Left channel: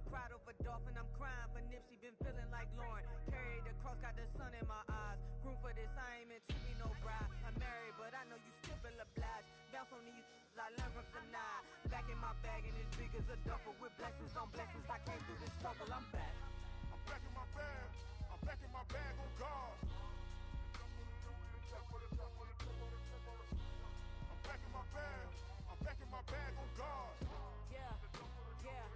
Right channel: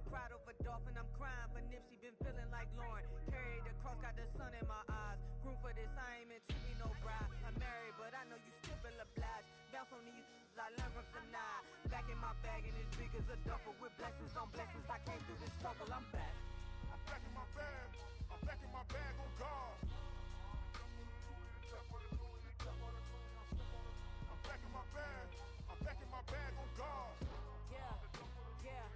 I cried over Dolphin, I'm crying for Nipsey, been feeling like Lauren. Carried the cross, got the sun in my eyes. Groom for this, I ain't meant to be no bride. I'm married, but I know you still feel obliged. Bounce on these, I learned from Sanaa. Back in my bag, and it's big as a duffel. With blessings on blessings, I came through this struggle, I'm back. I'm back in my bag, I'm back in my bag on God. I'm back in my bag, I'm back in my bag on God. Yeah, yeah.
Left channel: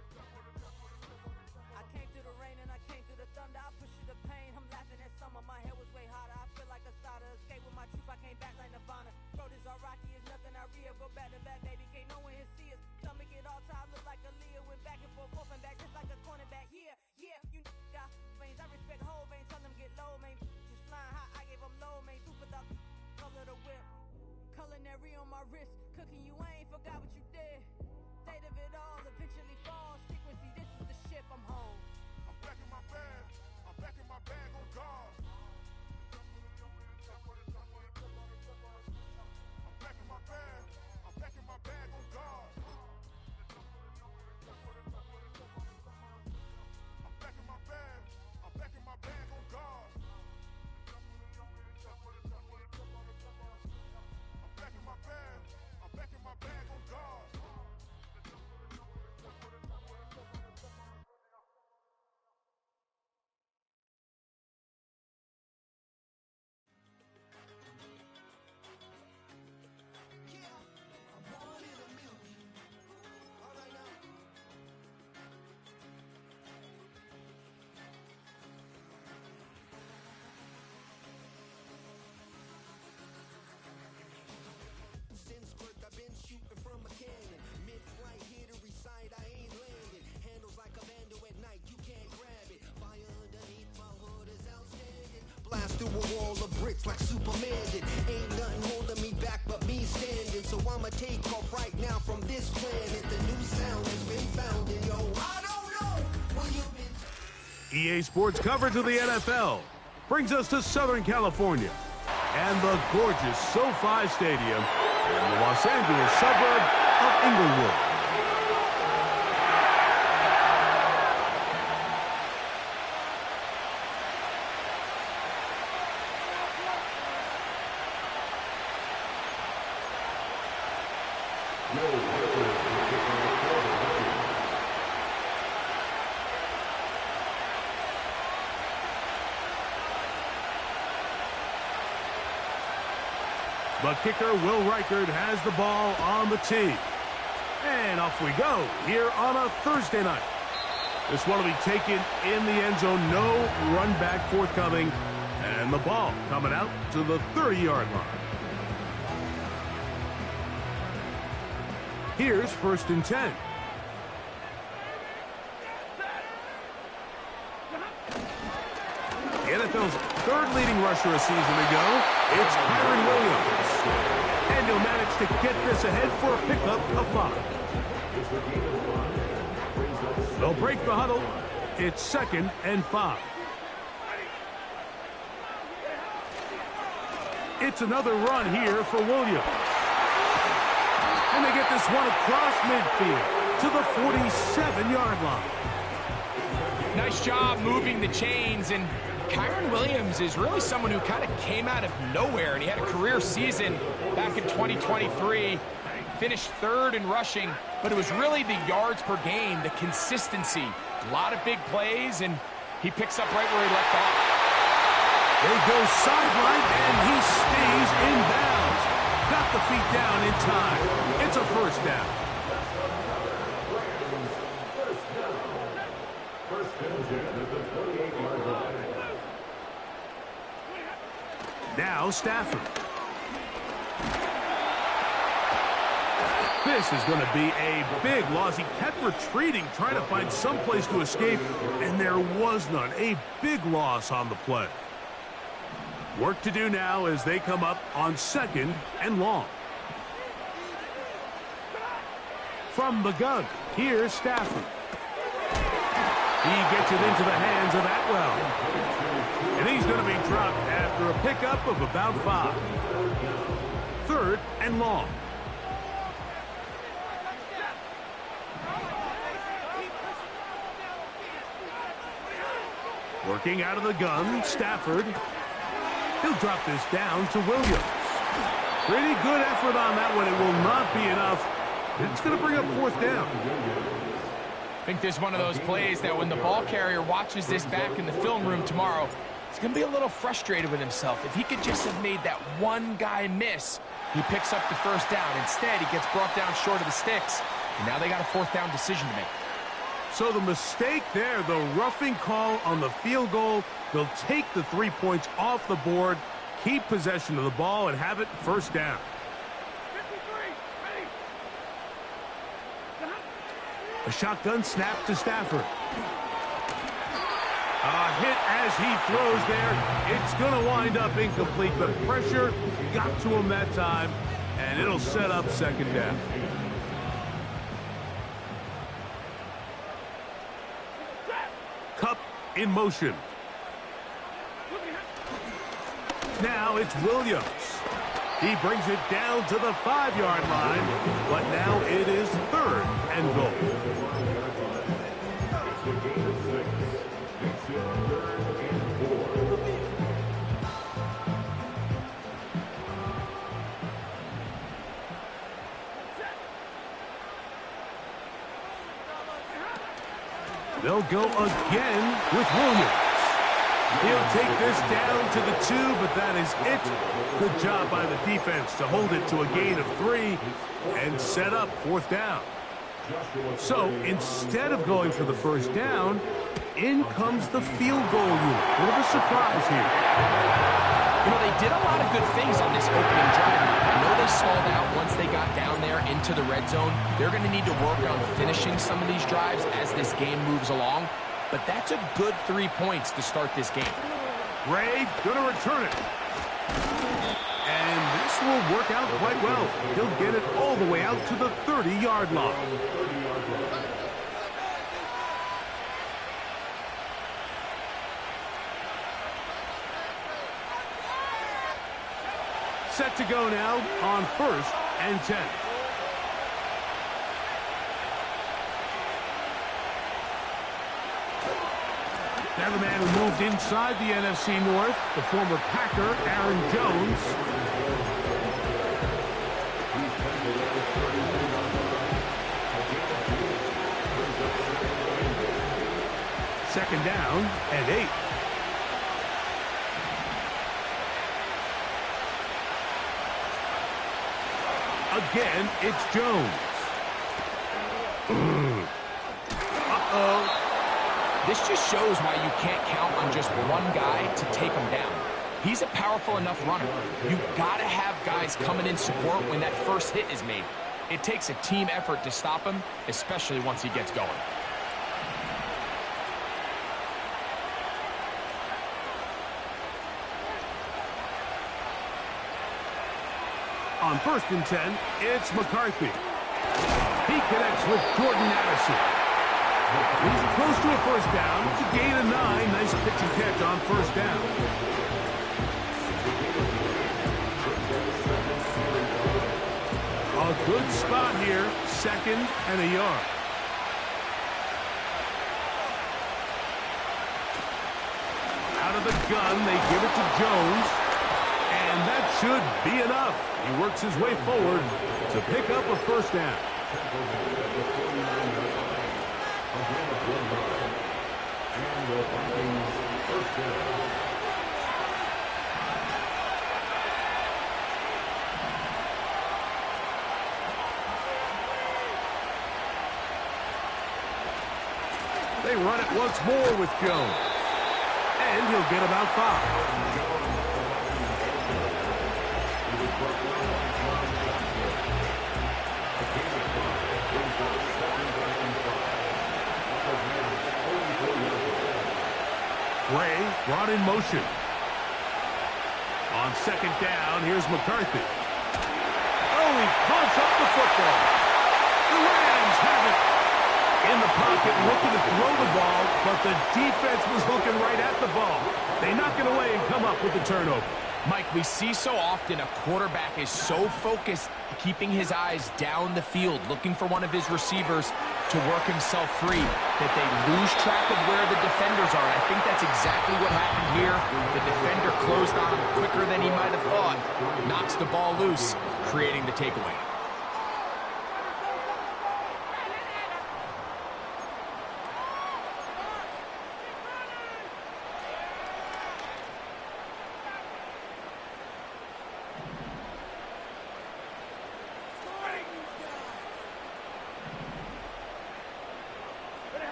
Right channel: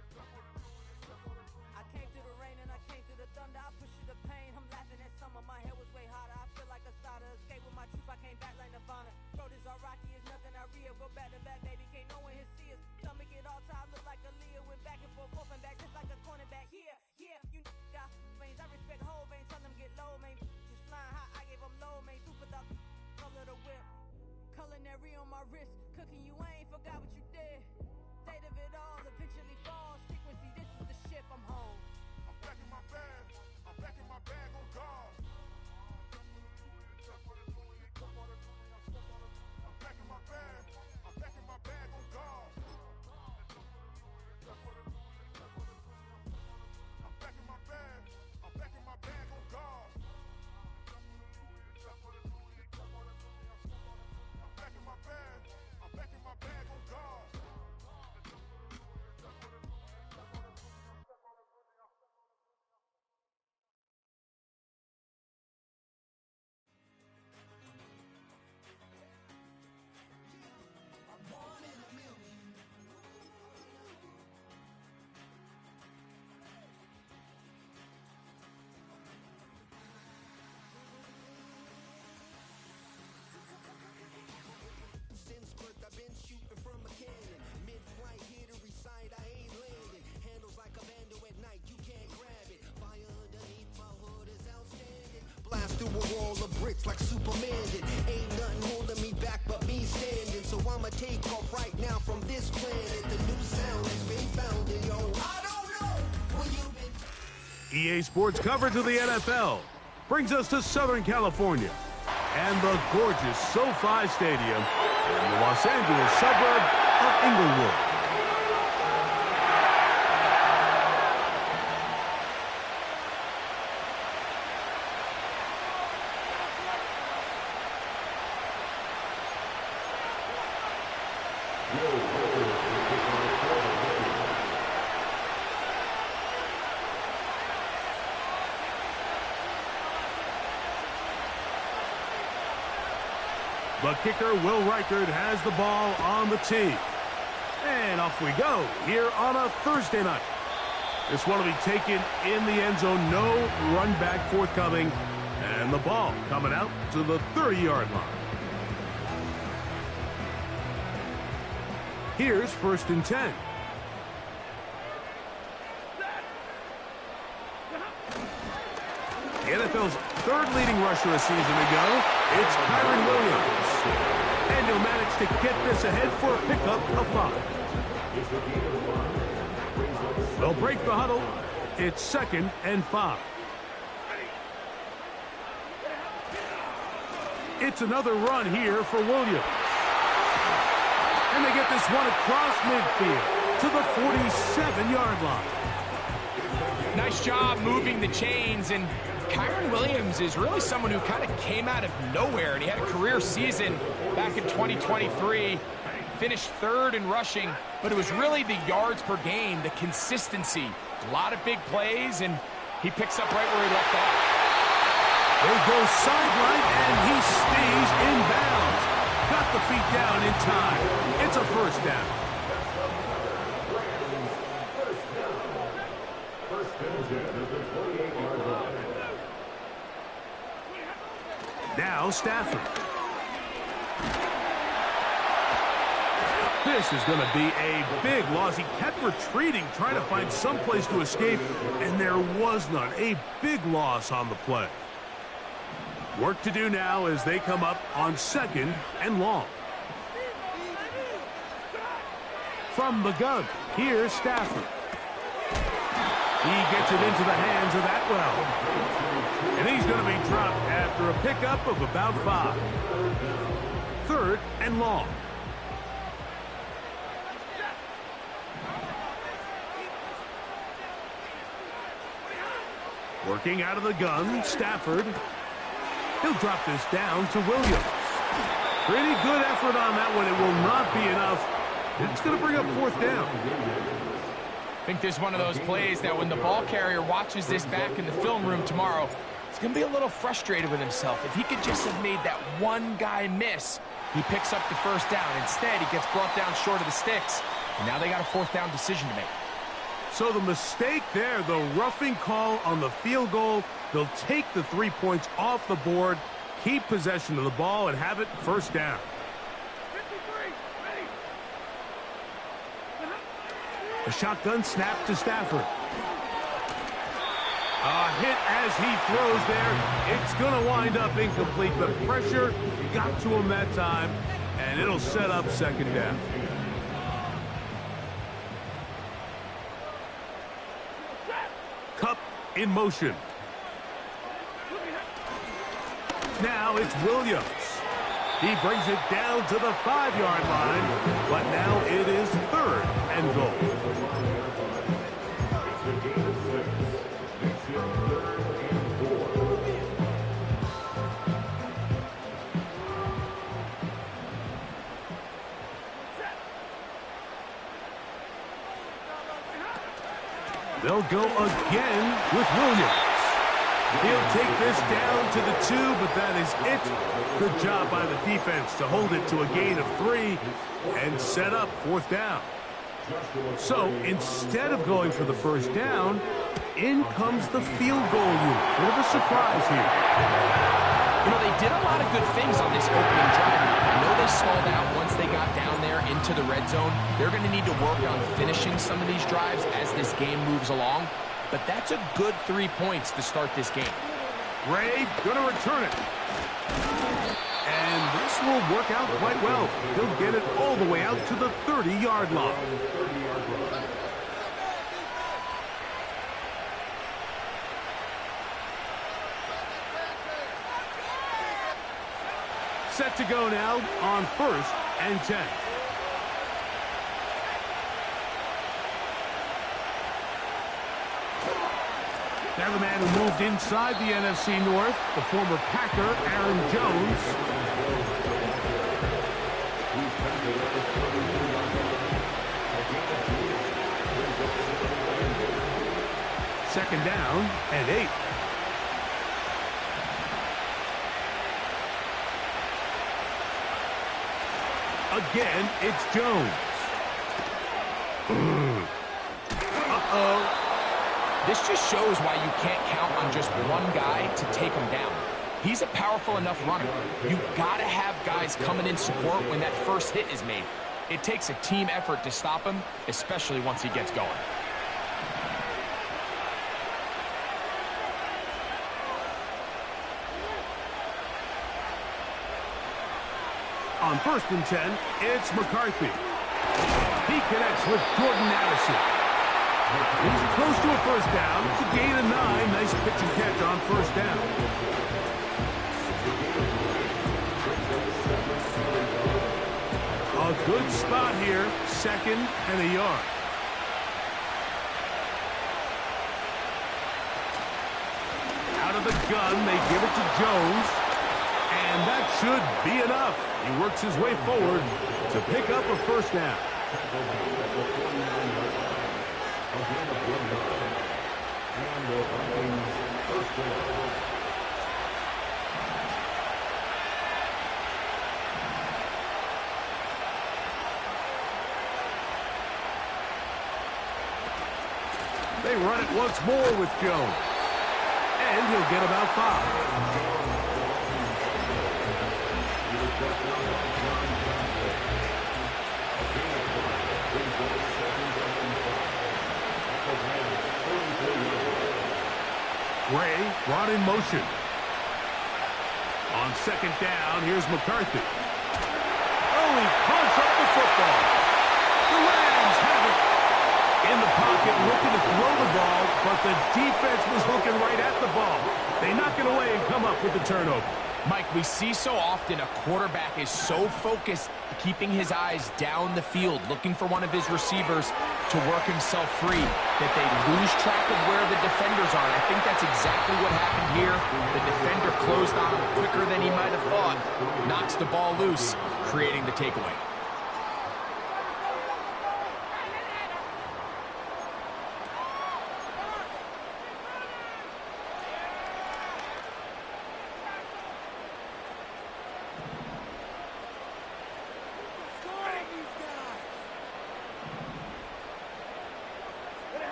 I came through the rain and I came through the thunder. I pushed through the pain, I'm laughing at summer. My hair was way hotter, I feel like a starter. Escape with my truth, I came back like Nirvana. Throat is all rocky, it's nothing I real. Go back to back, baby, can't no one here see us. Stomach it all time, look like a Leah. Went back and forth and back, just like a cornerback. Yeah, yeah, you got veins, I respect whole veins. Tell them get low, man. Just flying high, I gave them low, man. Two for the color of the whip. Culinary on my wrist, cooking you, I ain't forgot what you did. State of it all, eventually falls. Frequency, this is the ship, I'm home. I'm back in my bag, I'm back in my bag on God. I'm back in my bag, I'm back in my bag on God. I'm back in my bag, I'm back in my bag on God. I'm back in my bag, I'm back in my bag on God. Since birth I've been shooting from a cannon. Mid-flight here to recite, I ain't landing. Handles like a vandal at night, you can't grab it. Fire underneath my hood is outstanding. Blast through a wall of bricks like Superman did. Ain't nothing holding me back but me standing. So I'ma take off right now from this planet. The new sound has been found and yo, I don't know where you've been. EA Sports coverage of the NFL brings us to Southern California and the gorgeous SoFi Stadium in the Los Angeles suburb of Inglewood. The kicker, Will Reichard, has the ball on the tee. And off we go here on a Thursday night. This one will be taken in the end zone. No run back forthcoming. And the ball coming out to the 30-yard line. Here's 1st and 10. The NFL's third leading rusher a season ago, it's Kyren Williams. And he'll manage to get this ahead for a pickup of 5. They'll break the huddle. It's 2nd and 5. It's another run here for Williams. And they get this one across midfield to the 47-yard line. Nice job moving the chains, and Kyren Williams is really someone who kind of came out of nowhere, and he had a career season back in 2023, finished 3rd in rushing, but it was really the yards per game, the consistency, a lot of big plays, and he picks up right where he left off. They go sideline, and he stays in bounds. Got the feet down in time. It's a 1st down. Now Stafford. This is going to be a big loss. He kept retreating, trying to find some place to escape, and there was none. A big loss on the play. Work to do now as they come up on 2nd and long. From the gun, here's Stafford. He gets it into the hands of Atwell. And he's going to be dropped after a pickup of about 5. 3rd and long. Working out of the gun, Stafford. He'll drop this down to Williams. Pretty good effort on that one. It will not be enough. It's going to bring up fourth down. I think this is one of those plays that when the ball carrier watches this back in the film room tomorrow, he's going to be a little frustrated with himself. If he could just have made that one guy miss, he picks up the first down. Instead, he gets brought down short of the sticks, and now they got a fourth down decision to make. So the mistake there, the roughing call on the field goal, they'll take the 3 points off the board, keep possession of the ball, and have it first down. 53, ready. A shotgun snap to Stafford. A hit as he throws there. It's going to wind up incomplete. The pressure got to him that time, and it'll set up second down. Kupp in motion. Now it's Williams. He brings it down to the 5-yard line, but now it is third and goal. They'll go again with Williams. He'll take this down to the 2, but that is it. Good job by the defense to hold it to a gain of 3 and set up fourth down. So instead of going for the first down, in comes the field goal unit. Bit of a surprise here. You know, they did a lot of good things on this opening drive. I know they stalled out once they got down there into the red zone. They're going to need to work on finishing some of these drives as this game moves along. But that's a good 3 points to start this game. Ray going to return it. And this will work out quite well. He'll get it all the way out to the 30-yard line. Set to go now on 1st and 10. Now the man who moved inside the NFC North, the former Packer, Aaron Jones. Second down and 8. Again, it's Jones. Uh-oh. This just shows why you can't count on just one guy to take him down. He's a powerful enough runner. You gotta have guys coming in support when that first hit is made. It takes a team effort to stop him, especially once he gets going. On 1st and 10, it's McCarthy. He connects with Jordan Addison. He's close to a first down. It's a gain of 9. Nice pitch and catch on first down. A good spot here. 2nd and a yard. Out of the gun, they give it to Jones. And that should be enough. He works his way forward to pick up a first down. They run it once more with Jones. And he'll get about 5. Gray brought in motion. On 2nd down, here's McCarthy. Oh, he pumps up the football. The Rams have it. In the pocket, looking to throw the ball, but the defense was looking right at the ball. They knock it away and come up with the turnover. Mike, we see so often a quarterback is so focused keeping his eyes down the field, looking for one of his receivers to work himself free, that they lose track of where the defenders are. And I think that's exactly what happened here. The defender closed on him quicker than he might have thought, knocks the ball loose, creating the takeaway.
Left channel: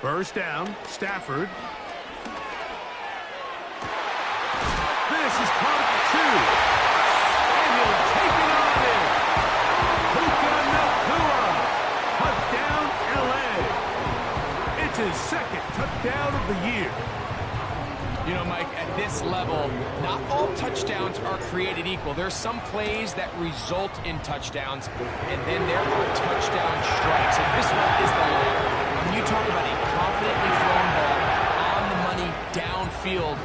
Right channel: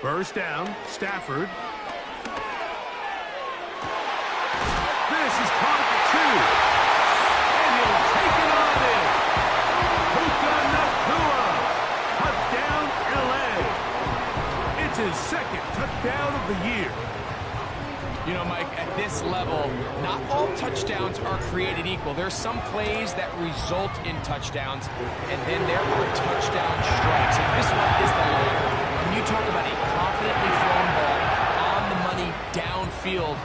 First down, Stafford. This is caught at the 2. And he'll take it on in. Puka Nacua. Touchdown, L.A. It's his second touchdown of the year. You know, Mike, at this level, not all touchdowns are created equal. There's some plays that result in touchdowns, and then there are touchdown strikes. And this one is the latter. When you talk about a confidently thrown ball on the money downfield,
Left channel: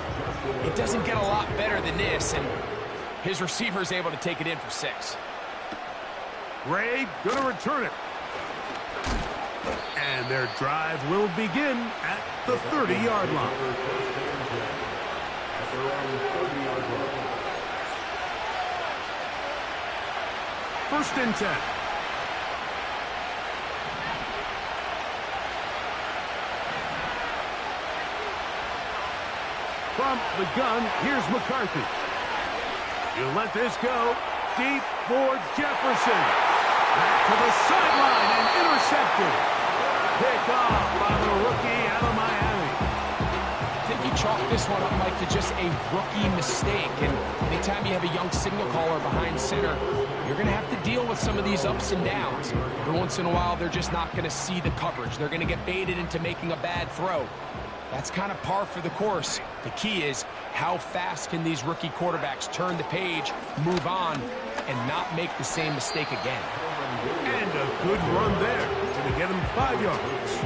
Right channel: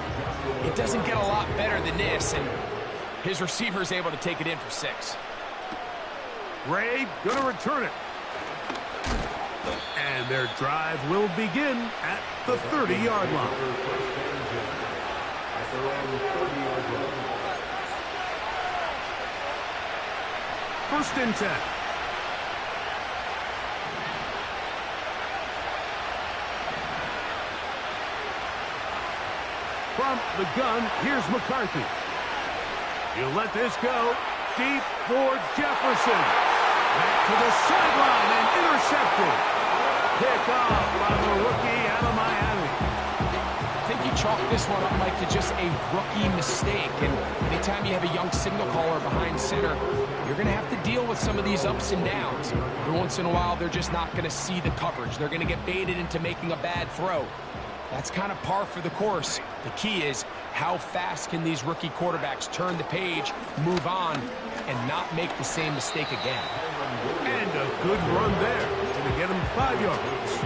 it doesn't get a lot better than this, and his receiver is able to take it in for 6. Ray going to return it. And their drive will begin at the 30-yard line. First and 10. From the gun, here's McCarthy. He'll let this go deep for Jefferson. Back to the sideline and intercepted. Pick off by the rookie out of Miami. I think you chalk this one up, Mike, to just a rookie mistake. And anytime you have a young signal caller behind center, you're going to have to deal with some of these ups and downs. Every once in a while, they're just not going to see the coverage. They're going to get baited into making a bad throw. That's kind of par for the course. The key is how fast can these rookie quarterbacks turn the page, move on, and not make the same mistake again. And a good run there to get him 5 yards.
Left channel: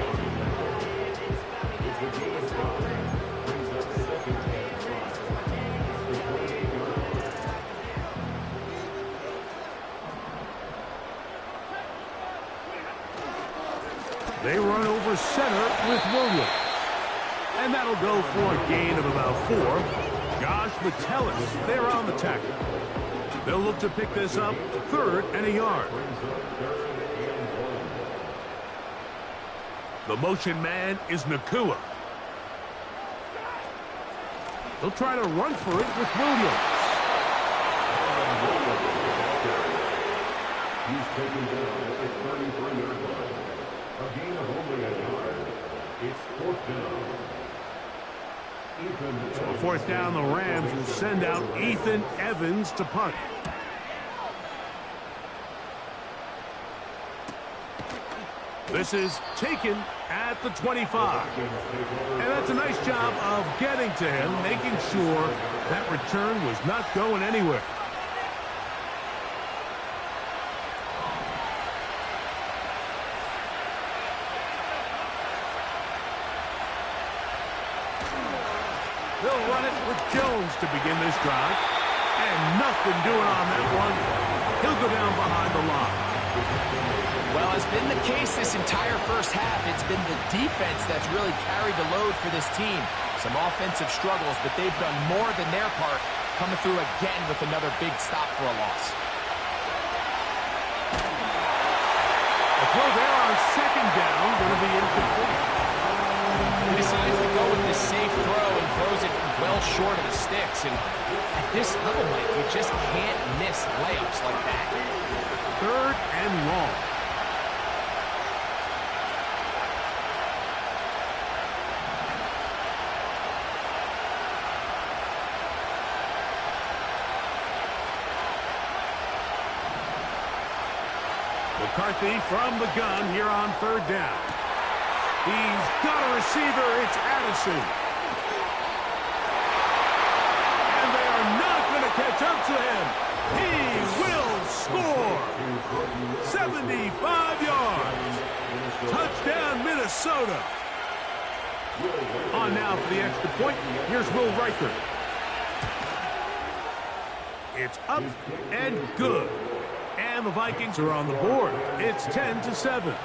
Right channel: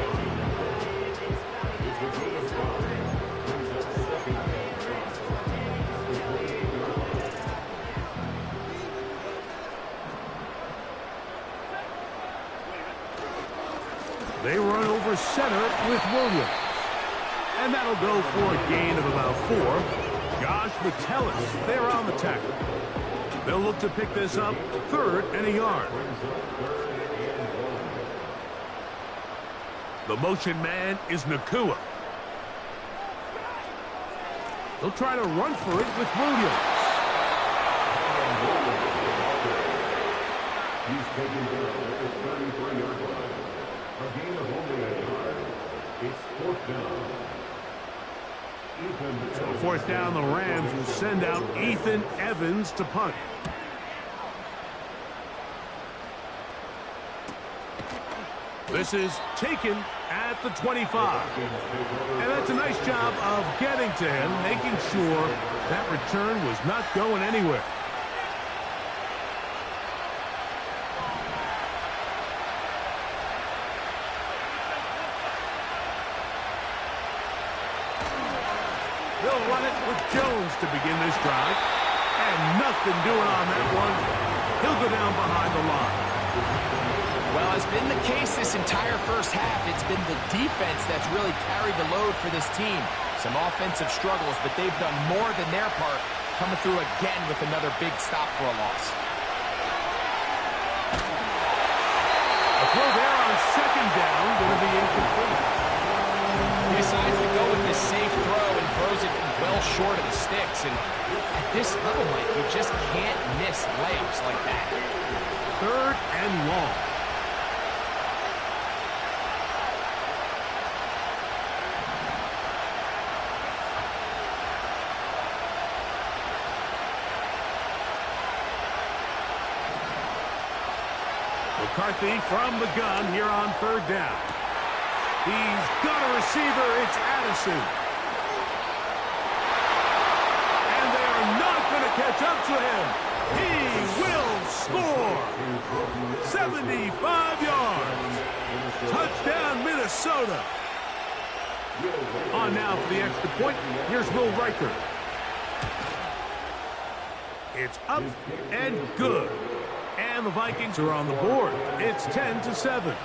They run over center with Williams. And that'll go for a gain of about 4. Josh Metellus there on the tackle. They'll look to pick this up 3rd and a yard. The motion man is Nacua. He'll try to run for it with Williams. He's taken down at the 33-yard line. A gain of only a yard. It's 4th down. So 4th down, the Rams will send out Ethan Evans to punt. This is taken at the 25. And that's a nice job of getting to him, making sure that return was not going anywhere. They'll run it with Jones to begin this drive. And nothing doing on that one. He'll go down behind the line. Well, it's been the case this entire first half. It's been the defense that's really carried the load for this team. Some offensive struggles, but they've done more than their part, coming through again with another big stop for a loss. A throw there on 2nd down, going to be incomplete. He decides to go with this safe throw and throws it well short of the sticks. And at this level, Mike, you just can't miss layups like that. 3rd and long. McCarthy from the gun here on 3rd down. He's got a receiver. It's Addison. And they are not going to catch up to him. He will score. 75 yards. Touchdown, Minnesota. On now for the extra point. Here's Will Reichert. It's up and good. And the Vikings are on the board. It's 10-7.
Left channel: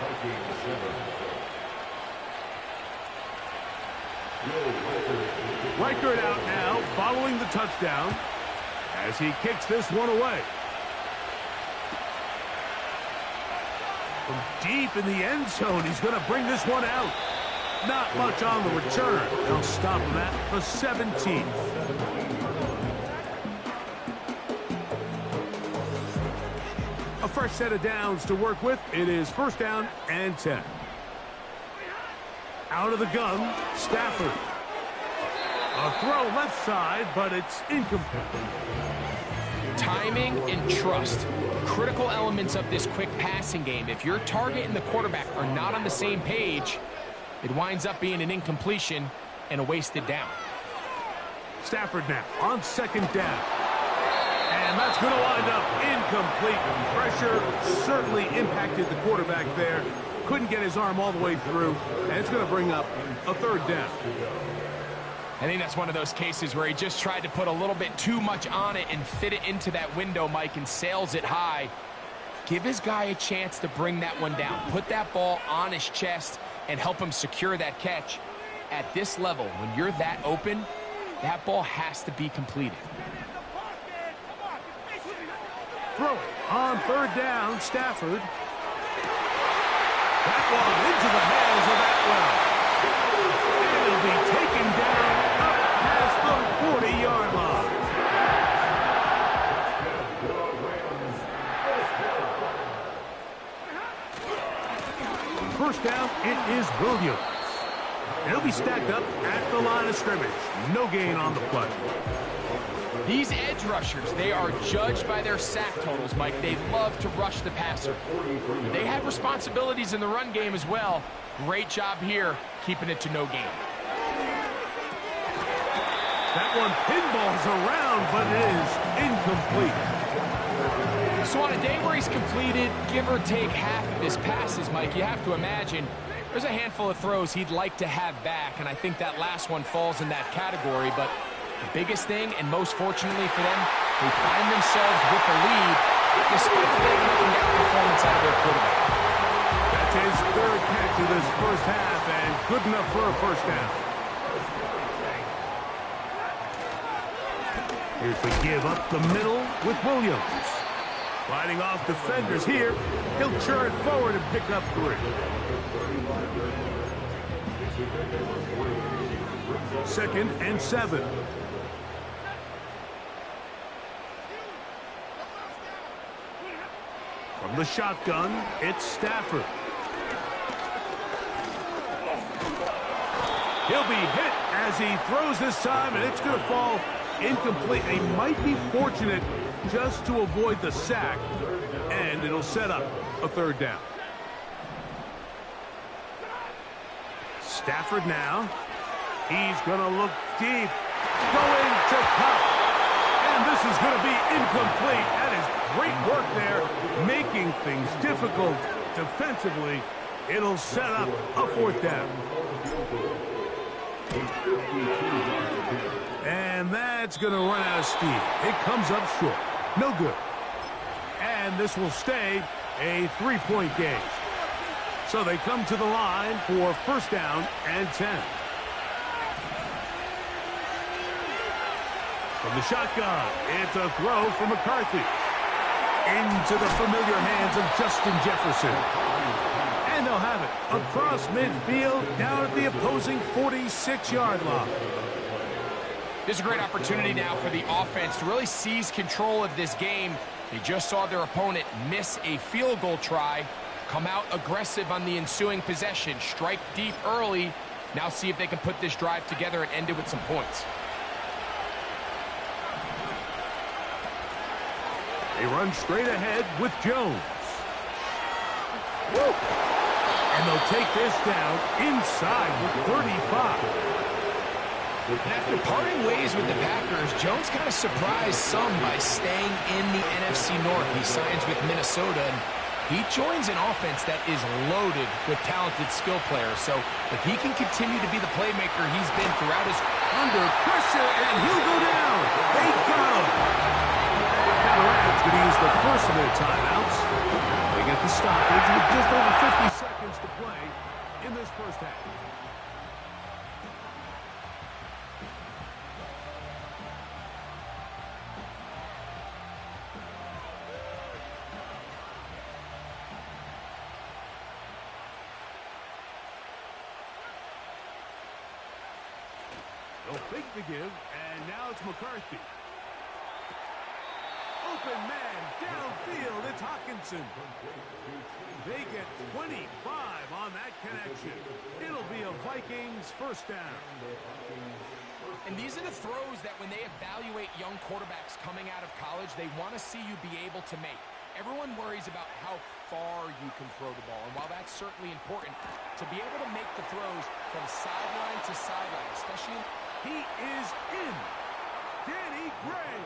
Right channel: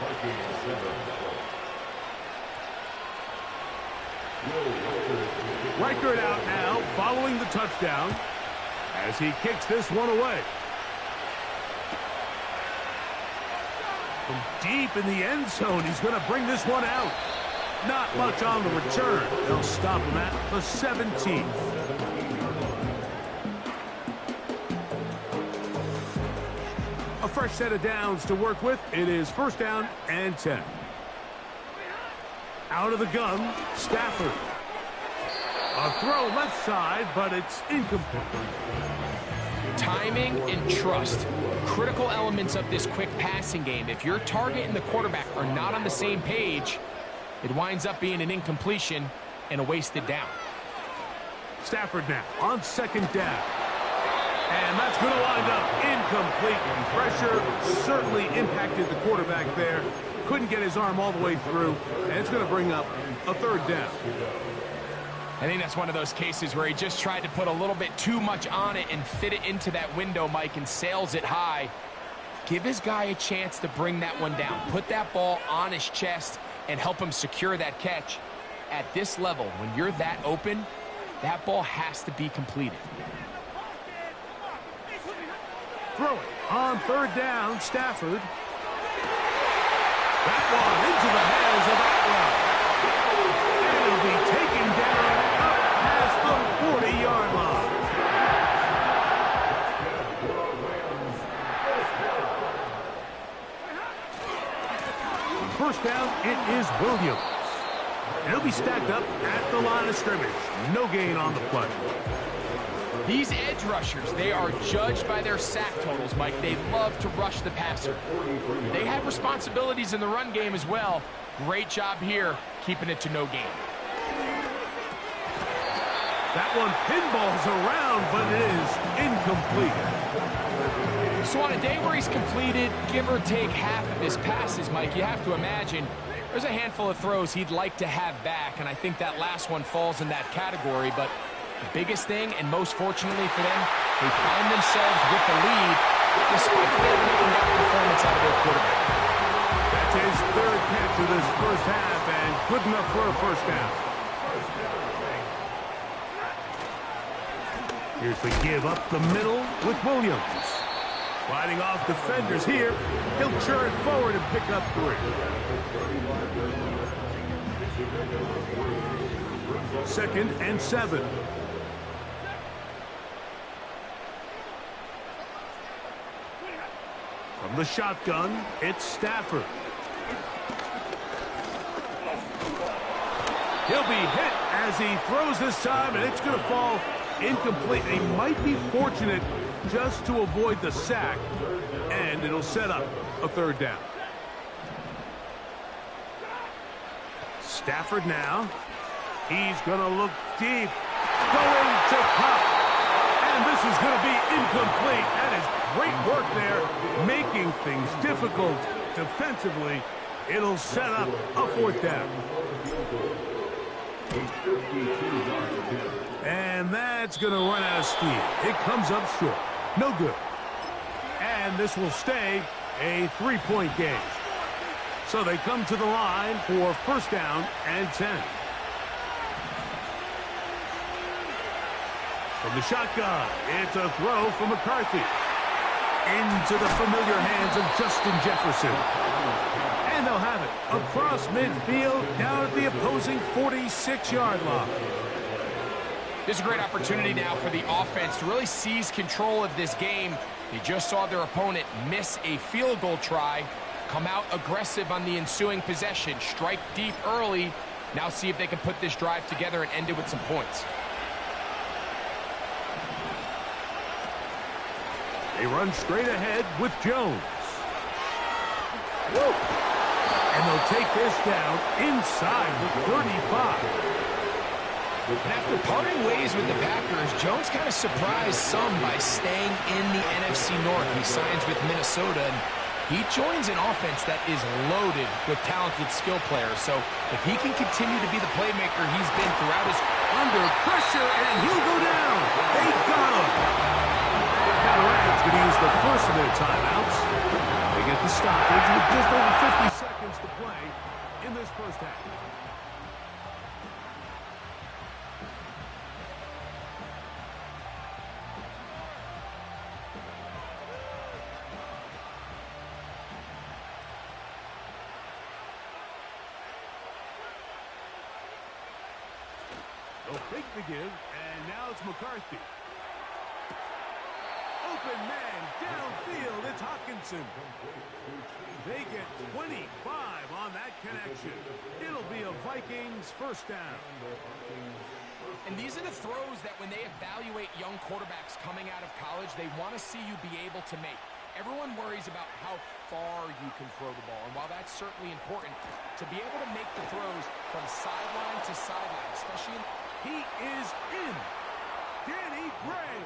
Reichert out now following the touchdown as he kicks this one away. From deep in the end zone, he's going to bring this one out. Not much on the return. They'll stop him at the 17. A fresh set of downs to work with. It is first down and 10. Out of the gun, Stafford. A throw left side, but it's incomplete. Timing and trust, critical elements of this quick passing game. If your target and the quarterback are not on the same page, it winds up being an incompletion and a wasted down. Stafford now on second down. And that's going to wind up incomplete. Pressure certainly impacted the quarterback there. Couldn't get his arm all the way through. And it's going to bring up a third down. I think that's one of those cases where he just tried to put a little bit too much on it and fit it into that window, Mike, and sails it high. Give his guy a chance to bring that one down. Put that ball on his chest and help him secure that catch. At this level, when you're that open, that ball has to be completed. Throwing on third down, Stafford. That one into the hands of Atwell. And it'll be taken down up past the 40-yard line. First down, it is Williams. And he'll be stacked up at the line of scrimmage. No gain on the play. These edge rushers, they are judged by their sack totals, Mike. They love to rush the passer. They have responsibilities in the run game as well. Great job here, keeping it to no gain. That one pinballs around, but it is incomplete. So on a day where he's completed, give or take half of his passes, Mike, you have to imagine there's a handful of throws he'd like to have back, and I think that last one falls in that category, but the biggest thing, and most fortunately for them, they find themselves with the lead despite a bit of an up-and-down performance out of their quarterback. That's his third catch of this first half, and good enough for a first down. Here's the give up the middle with Williams. Fighting off defenders here. He'll churn forward and pick up 3. Second and 7. From the shotgun, it's Stafford. He'll be hit as he throws this time, and it's going to fall incomplete. He might be fortunate just to avoid the sack, and it'll set up a third down. Stafford now. He's going to look deep. Going to pop. And this is going to be incomplete. That is great work there, making things difficult defensively. It'll set up a fourth down. And that's going to run out of steam. It comes up short. No good. And this will stay a 3-point game. So they come to the line for first down and 10. From the shotgun, it's a throw from McCarthy. Into the familiar hands of Justin Jefferson. And they'll have it across midfield down at the opposing 46-yard line. This is a great opportunity now for the offense to really seize control of this game. They just saw their opponent miss a field goal try, come out aggressive on the ensuing possession, strike deep early. Now see if they can put this drive together and end it with some points. They run straight ahead with Jones. Woo! And they'll take this down inside the 35. And after parting ways with the Packers, Jones kind of surprised some by staying in the NFC North. He signs with Minnesota, and he joins an offense that is loaded with talented skill players. So if he can continue to be the playmaker he's been throughout his... Under pressure, and he'll go down. They got him. The Rams going to use the first of their timeouts. They get the stoppage with just over 50 seconds to play in this first half. They'll fake the give, and now it's McCarthy. Open man, downfield, it's Hockenson. They get 25 on that connection. It'll be a Vikings first down. And these are the throws that when they evaluate young quarterbacks coming out of college, they want to see you be able to make. Everyone worries about how far you can throw the ball, and while that's certainly important, to be able to make the throws from sideline to sideline, especially in... He is in. Danny Gray.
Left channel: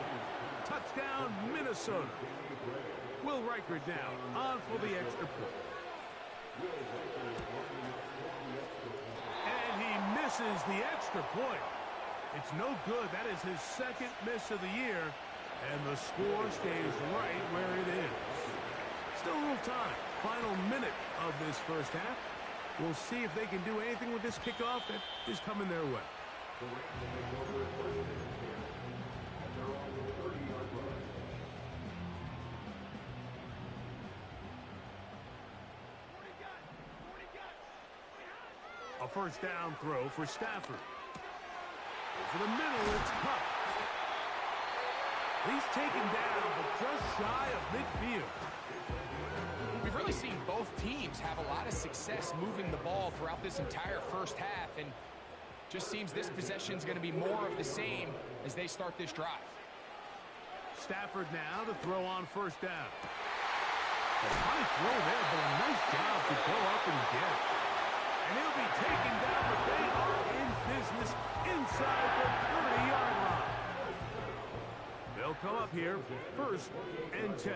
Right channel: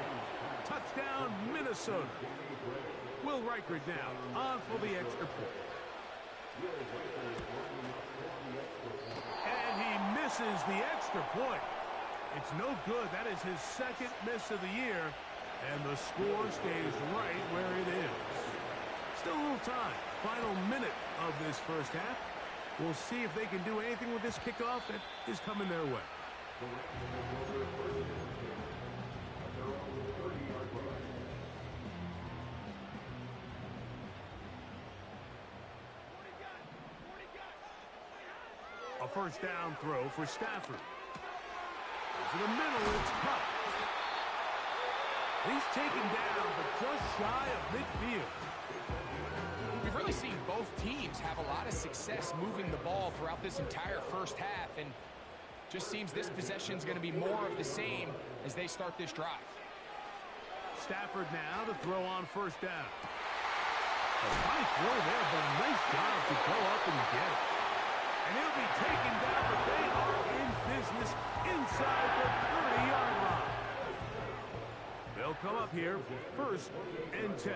Touchdown, Minnesota. Will Reichert now on for the extra point. And he misses the extra point. It's no good. That is his second miss of the year. And the score stays right where it is. Still a little time. Final minute of this first half. We'll see if they can do anything with this kickoff that is coming their way. The Rams take over first and 10 at their own 30-yard line. A first down throw for Stafford. Over the middle, it's Kupp. He's taken down, but just shy of midfield. We've really seen both teams have a lot of success moving the ball throughout this entire first half, and just seems this possession is going to be more of the same as they start this drive. Stafford now to throw on first down. A high throw there, but a nice job to go up and get it. And he'll be taken down, but they are in business inside the 30-yard line. They'll come up here, first and 10.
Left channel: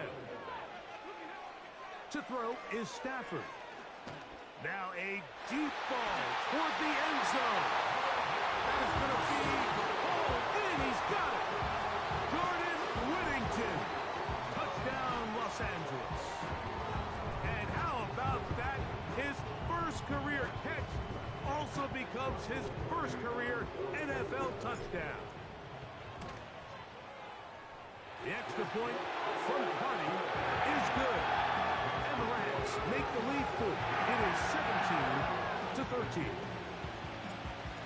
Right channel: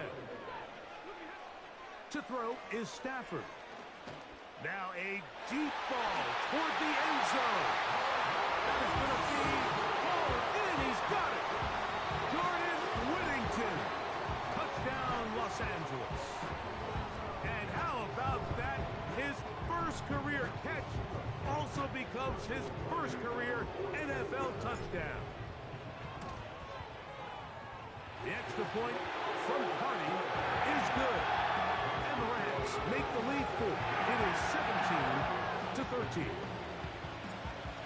To throw is Stafford. Now a deep ball toward the end zone. That is going to be hauled in. He's got it. Jordan Whittington. Touchdown, Los Angeles. And how about that? His first career catch also becomes his first career NFL touchdown. The extra point from Carney is good. And the Rams make the lead full. It is 17-13.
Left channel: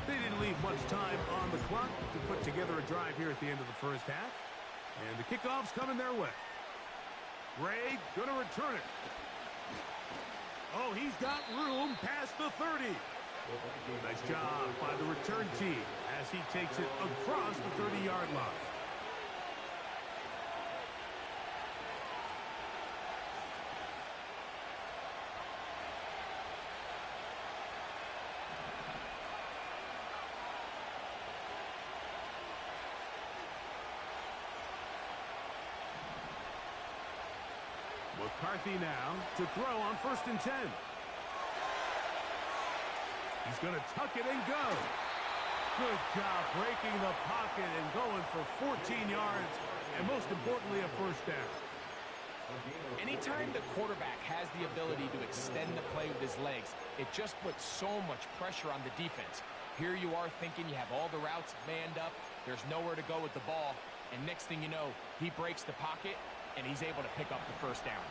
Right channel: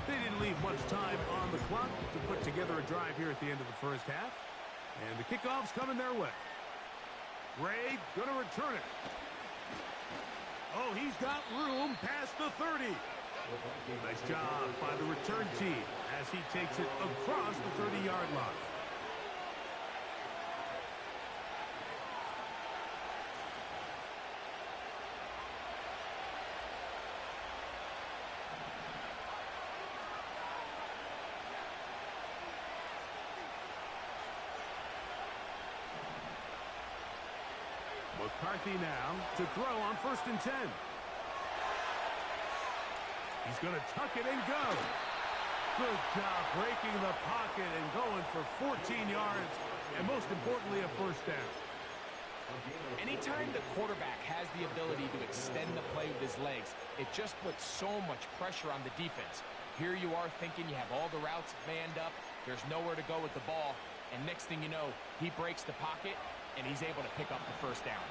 They didn't leave much time on the clock to put together a drive here at the end of the first half. And the kickoff's coming their way. Gray going to return it. Oh, he's got room past the 30. Nice job by the return team as he takes it across the 30-yard line. McCarthy now to throw on first and 10. He's going to tuck it and go. Good job breaking the pocket and going for 14 yards, and most importantly, a first down. Anytime the quarterback has the ability to extend the play with his legs, it just puts so much pressure on the defense. Here you are thinking you have all the routes manned up, there's nowhere to go with the ball, and next thing you know, he breaks the pocket, and he's able to pick up the first down.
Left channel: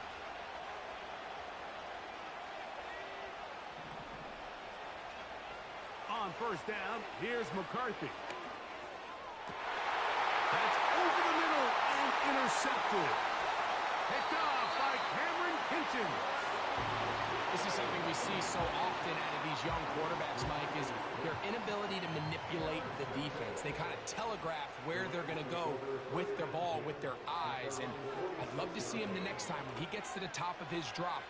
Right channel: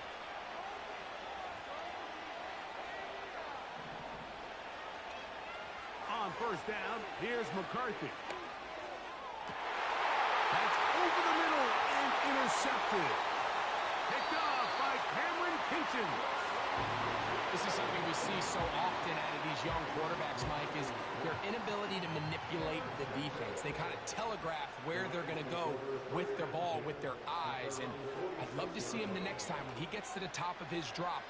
On first down, here's McCarthy. That's over the middle and intercepted. Picked off by Cameron Kinchen. This is something we see so often out of these young quarterbacks, Mike, is their inability to manipulate the defense. They kind of telegraph where they're going to go with their ball, with their eyes. And I'd love to see him the next time when he gets to the top of his drop.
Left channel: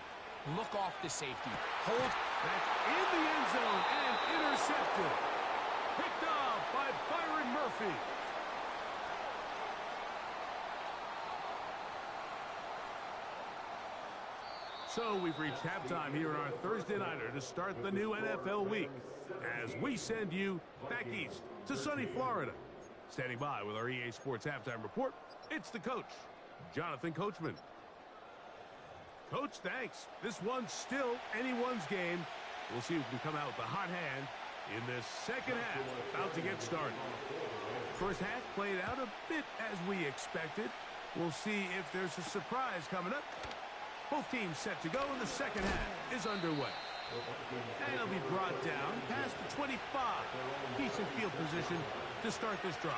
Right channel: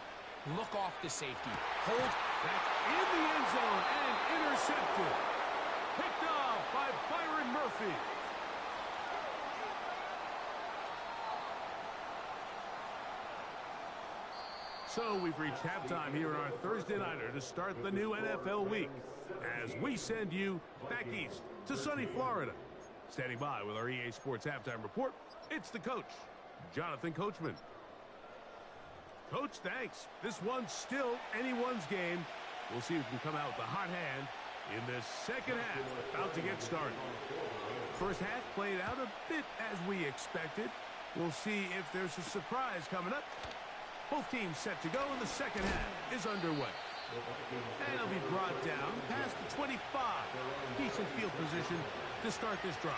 Look off the safety. Hold. That's in the end zone and intercepted. Picked off by Byron Murphy. So we've reached halftime here on our Thursday Nighter to start the new NFL week as we send you back east to sunny Florida. Standing by with our EA Sports Halftime Report, it's the coach, Jonathan Coachman. Coach, thanks. This one's still anyone's game. We'll see who can come out with the hot hand in this second half. About to get started. First half played out a bit as we expected. We'll see if there's a surprise coming up. Both teams set to go, and the second half is underway. And it'll be brought down past the 25. Decent field position to start this drive.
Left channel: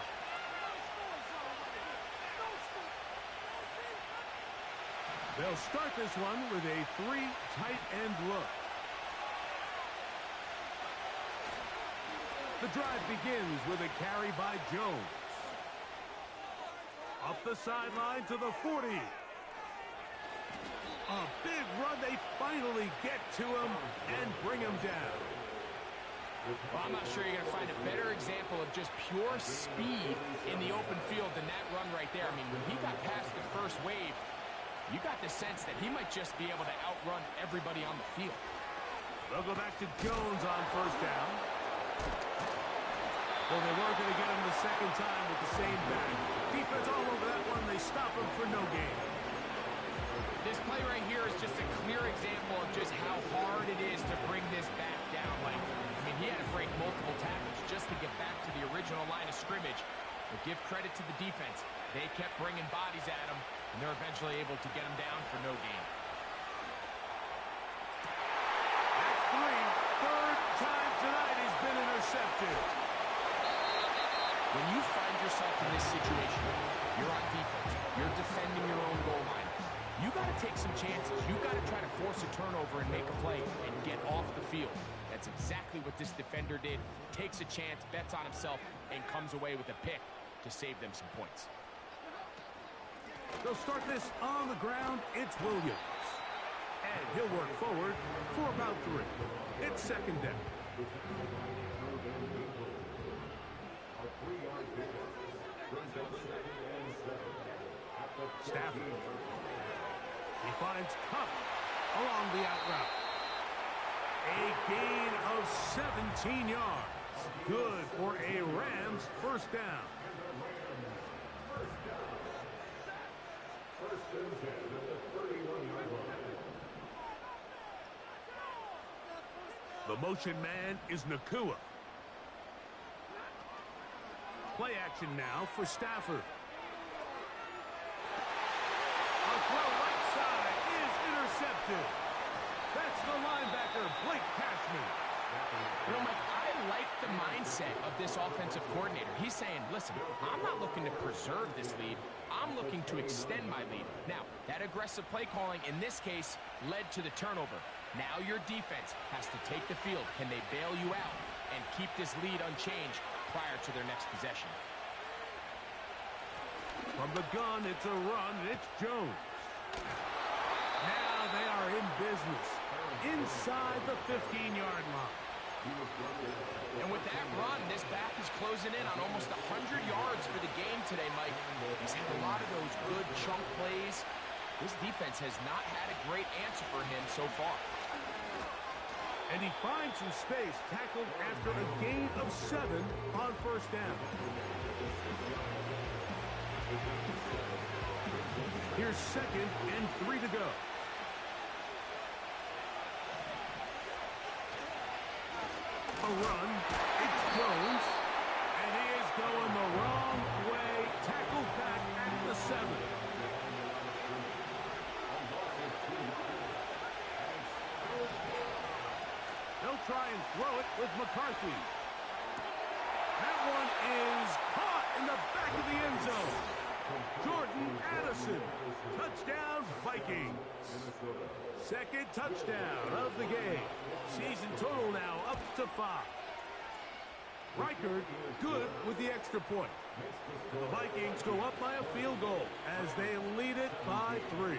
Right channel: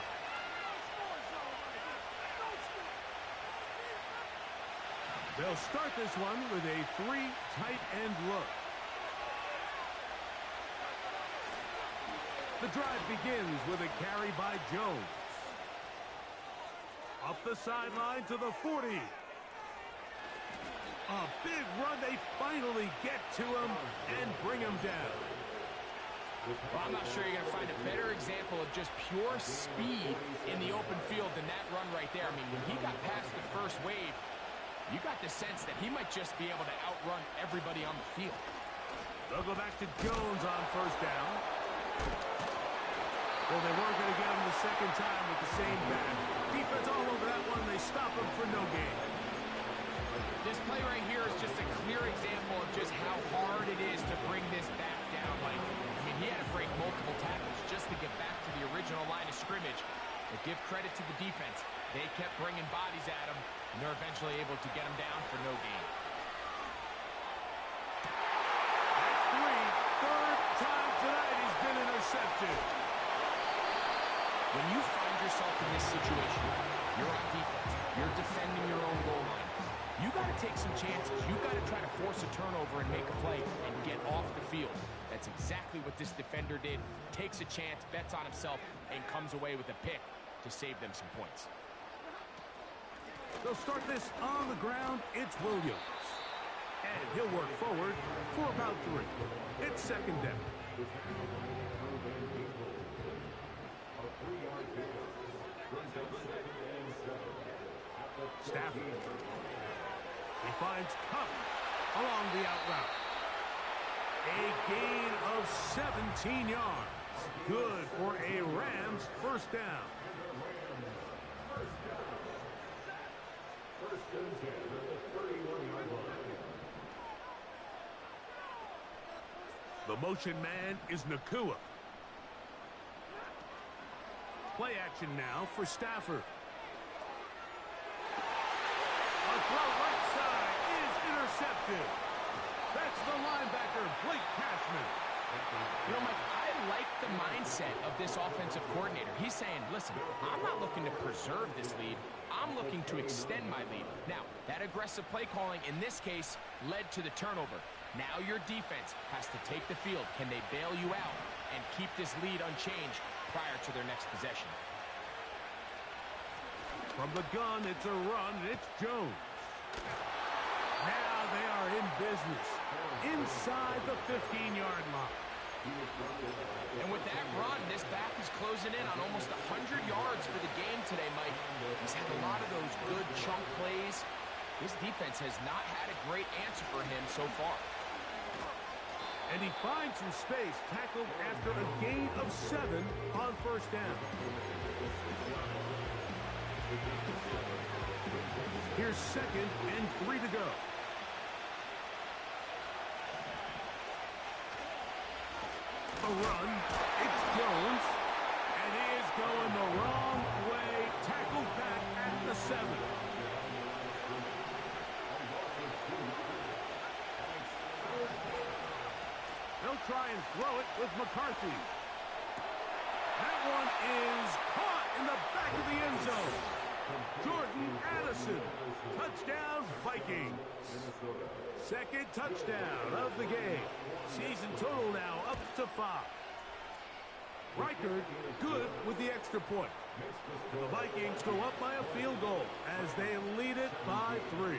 They'll start this one with a 3 tight end look. The drive begins with a carry by Jones. Up the sideline to the 40. A big run. They finally get to him and bring him down. Well, I'm not sure you're going to find a better example of just pure speed in the open field than that run right there. I mean, when he got past the first wave, you got the sense that he might just be able to outrun everybody on the field. They'll go back to Jones on first down. Well, they weren't going to get him the second time with the same back. Defense all over that one. They stop him for no gain. This play right here is just a clear example of just how hard it is to bring this back down. Like, I mean, he had to break multiple tackles just to get back to the original line of scrimmage. But give credit to the defense. They kept bringing bodies at him, and they're eventually able to get him down for no gain. That's 3. Third time tonight he's been intercepted. When you find yourself in this situation, you're on defense, you're defending your own goal line, you got to take some chances. You got to try to force a turnover and make a play and get off the field. That's exactly what this defender did. Takes a chance, bets on himself, and comes away with a pick to save them some points. They'll start this on the ground. It's Williams. And he'll work forward for about 3. It's second down. Stafford. He finds Cup along the out route. A gain of 17 yards. Good for a Rams first down. First and 10 at the 31-yard line. The motion man is Nakua. Play action now for Stafford. A throw right side is intercepted. That's the linebacker, Blake Cashman. You know, Mike, I like the mindset of this offensive coordinator. He's saying, listen, I'm not looking to preserve this lead. I'm looking to extend my lead. Now, that aggressive play calling in this case led to the turnover. Now your defense has to take the field. Can they bail you out and keep this lead unchanged prior to their next possession? From the gun, it's a run, and it's Jones. Now they are in business inside the 15-yard line. And with that run, this back is closing in on almost 100 yards for the game today, Mike. He's had a lot of those good chunk plays. This defense has not had a great answer for him so far. And he finds some space, tackled after a gain of 7 on first down. Here's second and 3 to go. A run, it's Jones, and he is going the wrong way, tackled back at the 7. They'll try and throw it with McCarthy. That one is caught in the back of the end zone. Jordan Addison, touchdown Vikings. Second touchdown of the game. Season total now up to 5. Reichard good with the extra point. And the Vikings go up by a field goal as they lead it by 3.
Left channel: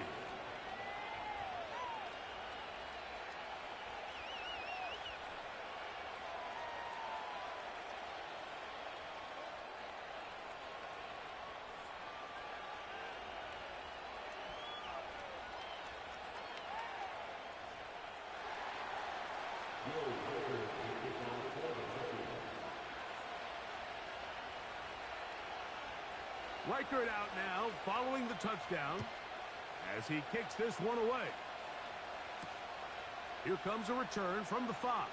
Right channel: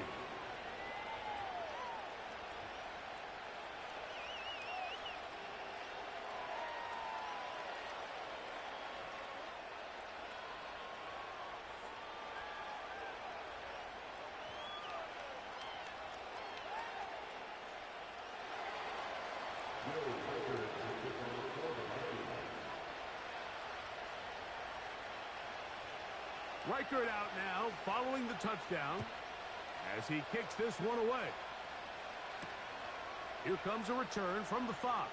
Reichert out now following the touchdown as he kicks this one away. Here comes a return from the 5.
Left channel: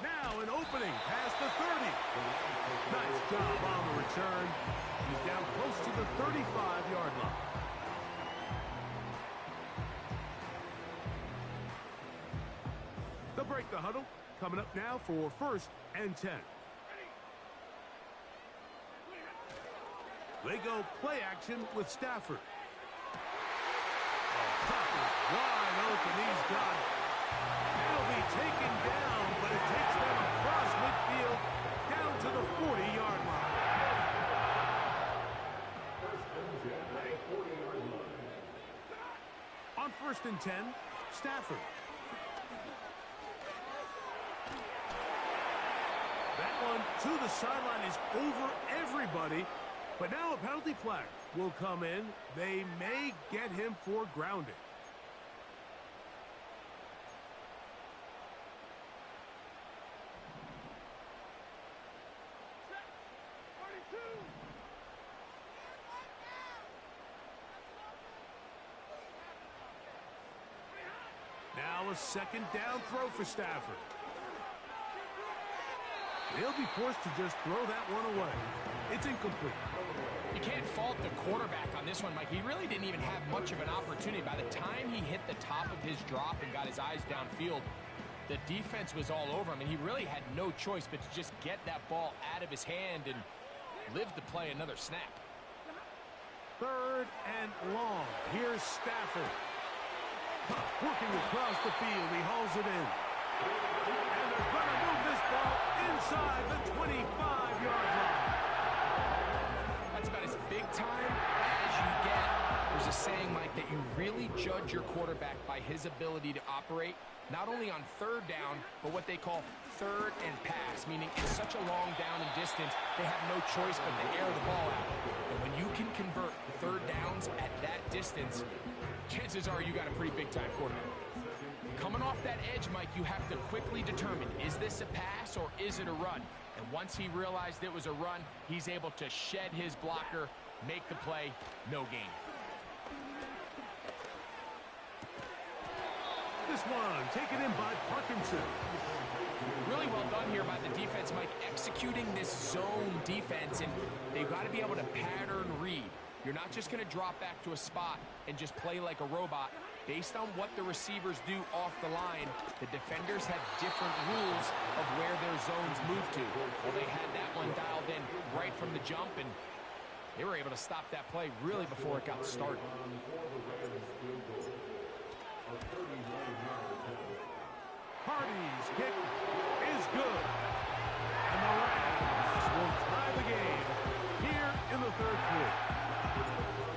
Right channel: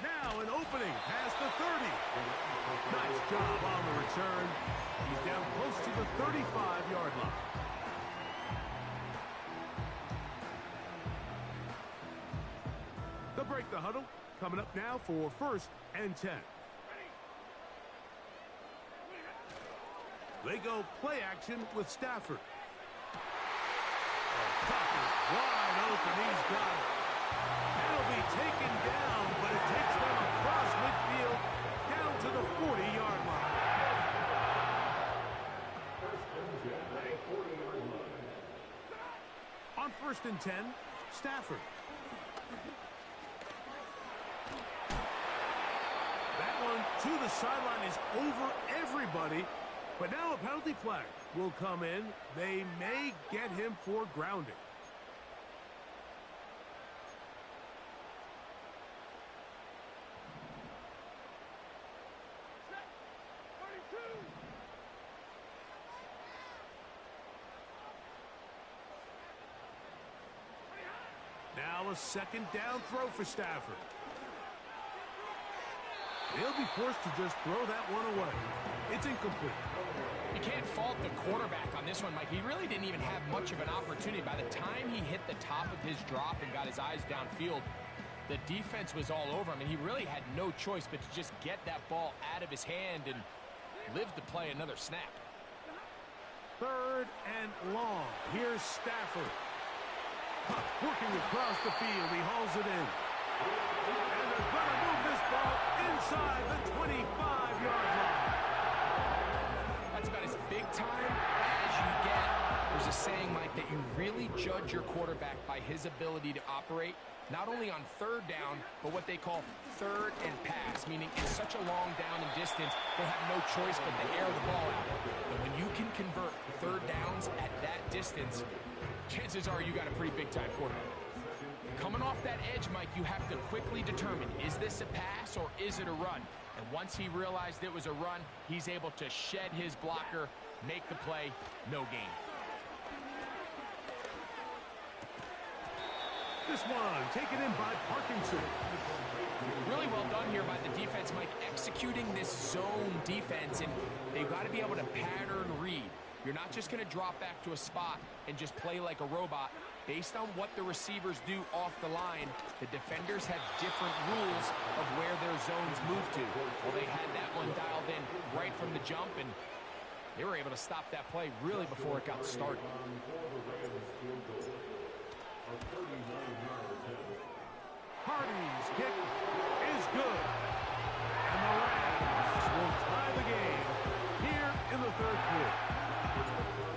Now an opening past the 30. Nice job on the return. He's down close to the 35-yard line. They'll break the huddle. Coming up now for 1st and 10. They go play action with Stafford. Tucker's wide open. He's got it. That'll be taken down, but it takes them across midfield down to the 40-yard line. On 1st and 10, Stafford. That one to the sideline is over everybody. But now a penalty flag will come in. They may get him for grounding. Now a 2nd down throw for Stafford. They'll be forced to just throw that one away. It's incomplete. You can't fault the quarterback on this one, Mike. He really didn't even have much of an opportunity. By the time he hit the top of his drop and got his eyes downfield, the defense was all over him, and he really had no choice but to just get that ball out of his hand and live to play another snap. 3rd and long. Here's Stafford. Working across the field. He hauls it in. And they're going to move this ball inside the 25-yard line. That's about as big time as you get. There's a saying, Mike, that you really judge your quarterback by his ability to operate, not only on 3rd down, but what they call 3rd and pass, meaning it's such a long down and distance, they have no choice but to air the ball out. And when you can convert 3rd downs at that distance, chances are you got a pretty big-time quarterback. Coming off that edge, Mike, you have to quickly determine, is this a pass or is it a run? And once he realized it was a run, he's able to shed his blocker, make the play, no gain. This one taken in by Parkinson. Really well done here by the defense, Mike, executing this zone defense, and they've got to be able to pattern read. You're not just going to drop back to a spot and just play like a robot. Based on what the receivers do off the line, the defenders have different rules of where their zones move to. Well, they had that one dialed in right from the jump, and they were able to stop that play really before it got started. Hardy's kick is good. And the Rams will tie the game here in the 3rd quarter.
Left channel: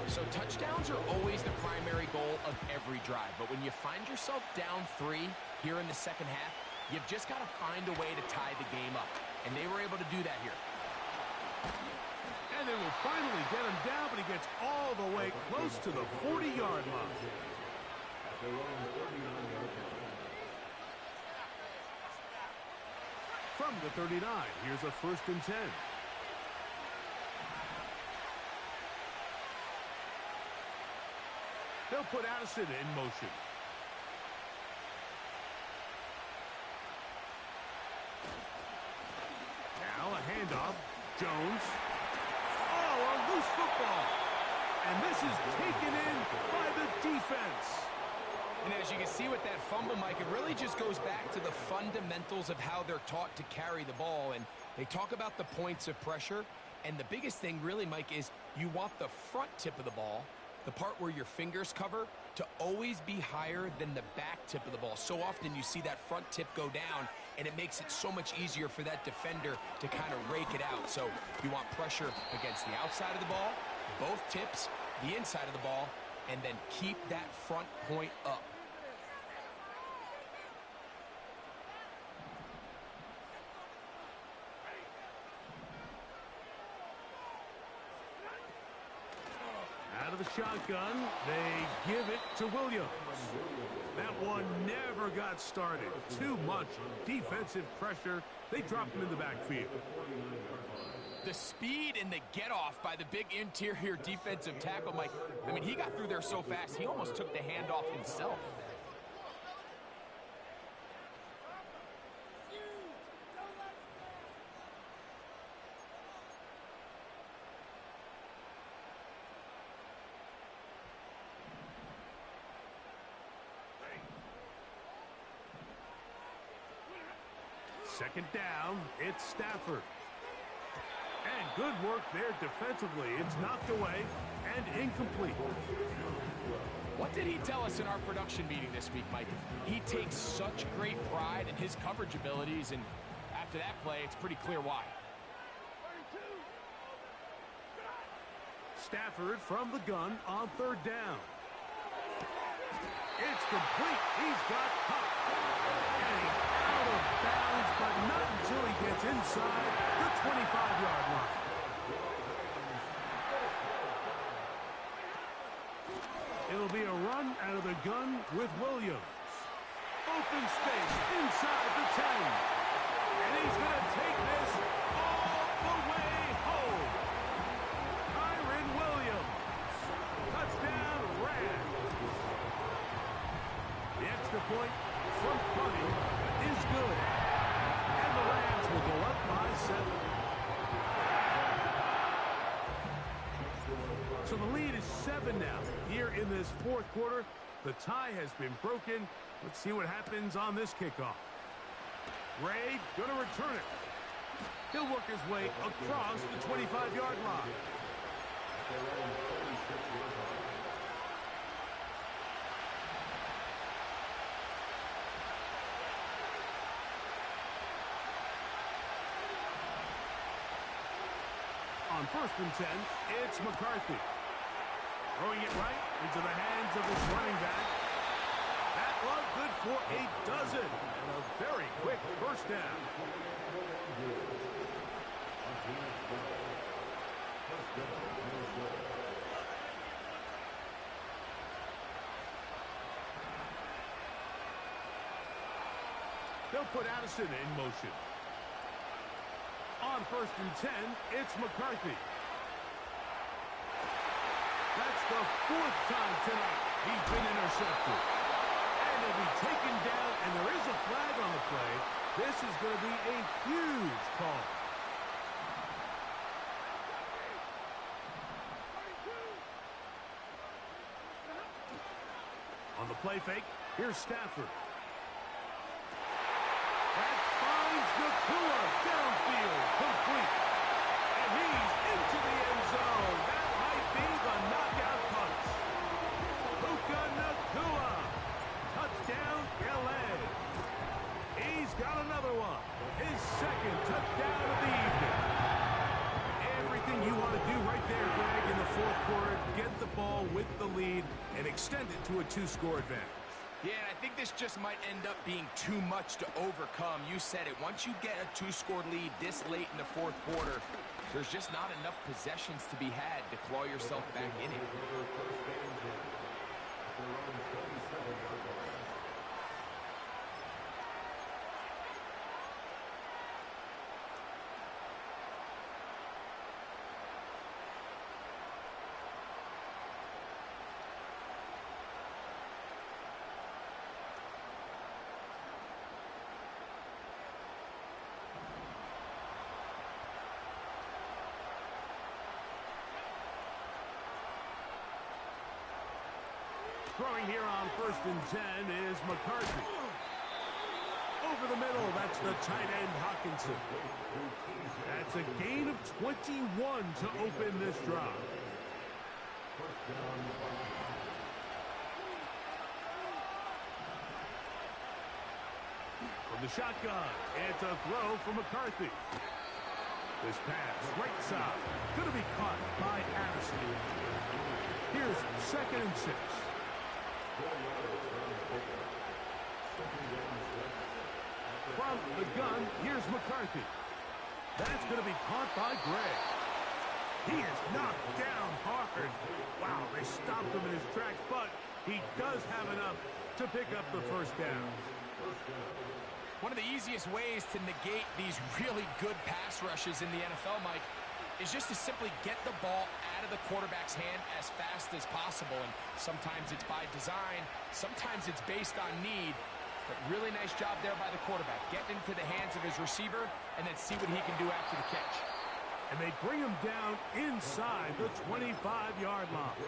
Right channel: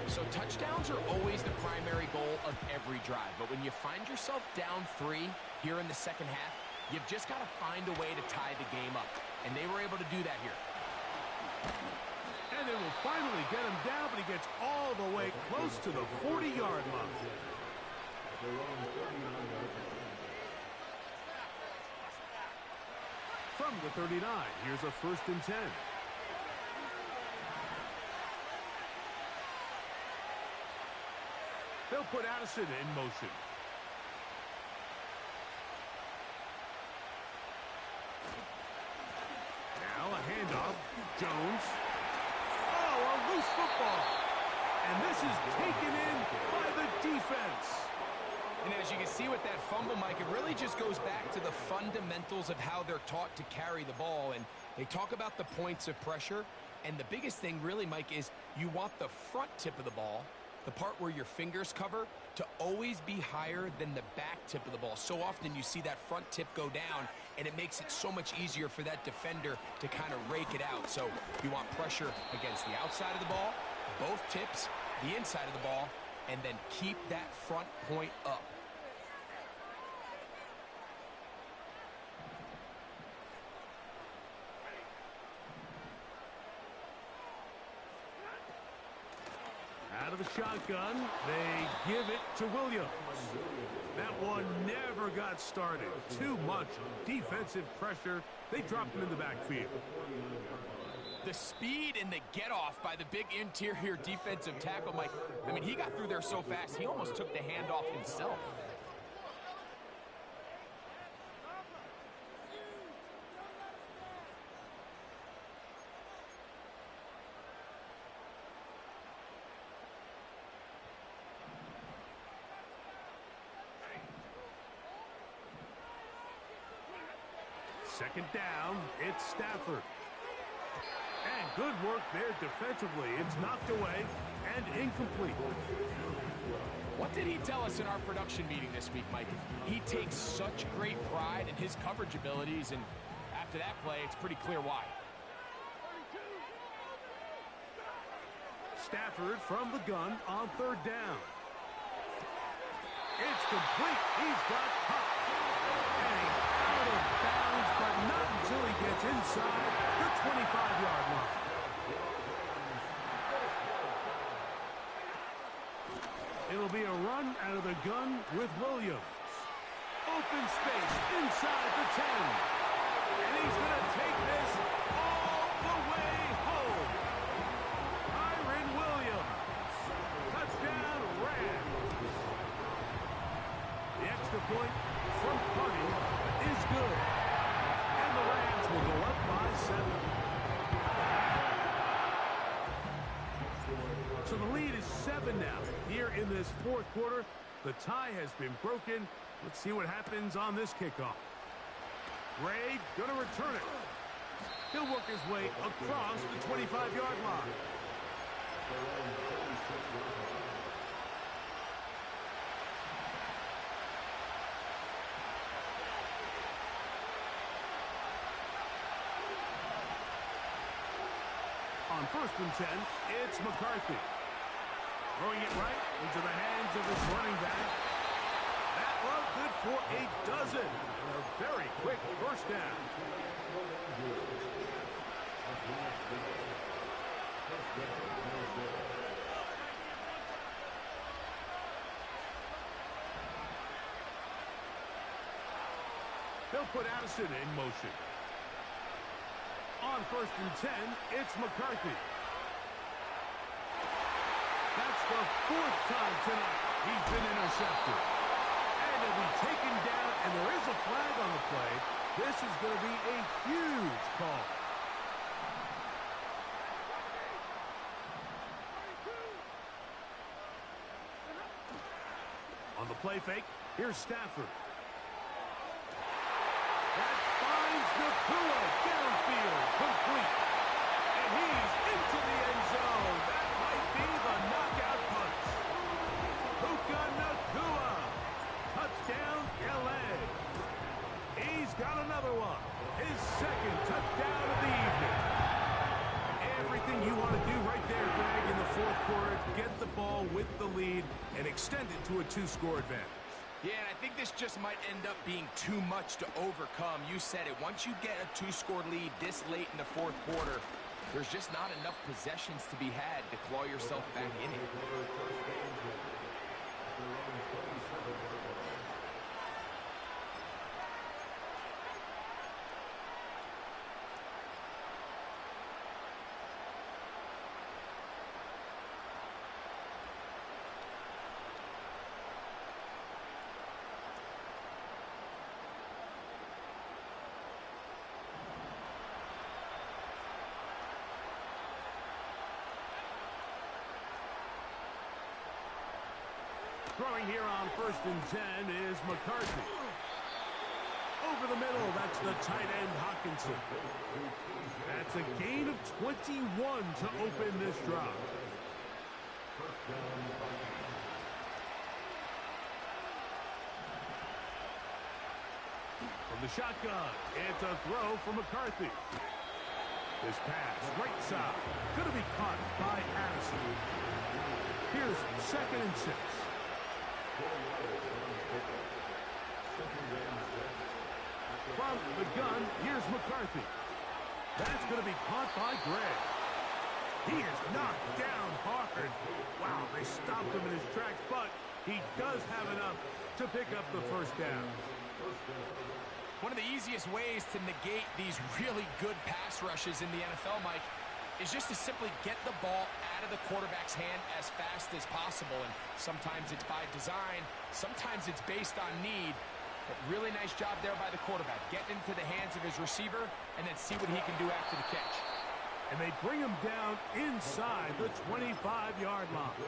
So touchdowns are always the primary goal of every drive. But when you find yourself down 3 here in the 2nd half, you've just got to find a way to tie the game up. And they were able to do that here. And they will finally get him down, but he gets all the way close to the 40-yard line. From the 39, here's a 1st and 10. They'll put Addison in motion. Now a handoff. Jones. Oh, a loose football. And this is taken in by the defense. And as you can see with that fumble, Mike, it really just goes back to the fundamentals of how they're taught to carry the ball. And they talk about the points of pressure. And the biggest thing really, Mike, is you want the front tip of the ball, the part where your fingers cover, to always be higher than the back tip of the ball. So often you see that front tip go down, and it makes it so much easier for that defender to kind of rake it out. So you want pressure against the outside of the ball, both tips, the inside of the ball, and then keep that front point up. Out of the shotgun, they give it to Williams. That one never got started. Too much defensive pressure. They dropped him in the backfield. The speed and the get-off by the big interior defensive tackle, Mike. I mean, he got through there so fast, he almost took the handoff himself. Second down, it's Stafford. And good work there defensively. It's knocked away and incomplete. What did he tell us in our production meeting this week, Mike? He takes such great pride in his coverage abilities, and after that play, it's pretty clear why. Stafford from the gun on third down. It's complete. He's got Kupp. And he's out of bounds, but not until he gets inside the 25-yard line. It'll be a run out of the gun with Williams. Open space inside the 10. And he's going to take this all the way home. Kyren Williams. Touchdown, Rams. The extra point from Putty is good. And the Rams will go up by 7. So the lead is 7 now. Here in this fourth quarter, the tie has been broken. Let's see what happens on this kickoff. Ray gonna return it. He'll work his way across the 25-yard line. On 1st and 10, it's McCarthy. Throwing it right into the hands of his running back. That one good for a dozen. And a very quick first down. They'll put Addison in motion. On 1st and 10, it's McCarthy. That's the 4th time tonight he's been intercepted. And he'll be taken down, and there is a flag on the play. This is going to be a huge call. On the play fake, here's Stafford. That finds Nakua downfield, complete. And he's into the end zone. That might be the knockout punch. Puka Nakua. Touchdown, LA. He's got another one. His second touchdown of the evening. Everything you want to do right there, Greg, in the fourth quarter. Get the ball with the lead and extend it to a 2-score advantage. Yeah, and I think this just might end up being too much to overcome. You said it. Once you get a 2-score lead this late in the fourth quarter, there's just not enough possessions to be had to claw yourself back in it. Throwing here on 1st and 10 is McCarthy. Over the middle, that's the tight end Hockenson. That's a gain of 21 to open this drive. From the shotgun, it's a throw for McCarthy. This pass, right side, going to be caught by Addison. Here's 2nd and 6. From the gun, here's McCarthy. That's going to be caught by Gray. He is knocked down hard. Wow, they stopped him in his tracks, but he does have enough to pick up the first down. One of the easiest ways to negate these really good pass rushes in the NFL, Mike, is just to simply get the ball out of the quarterback's hand as fast as possible. And sometimes it's by design, sometimes it's based on need. But really nice job there by the quarterback, getting into the hands of his receiver and then see what he can do after the catch. And they bring him down inside the 25-yard line.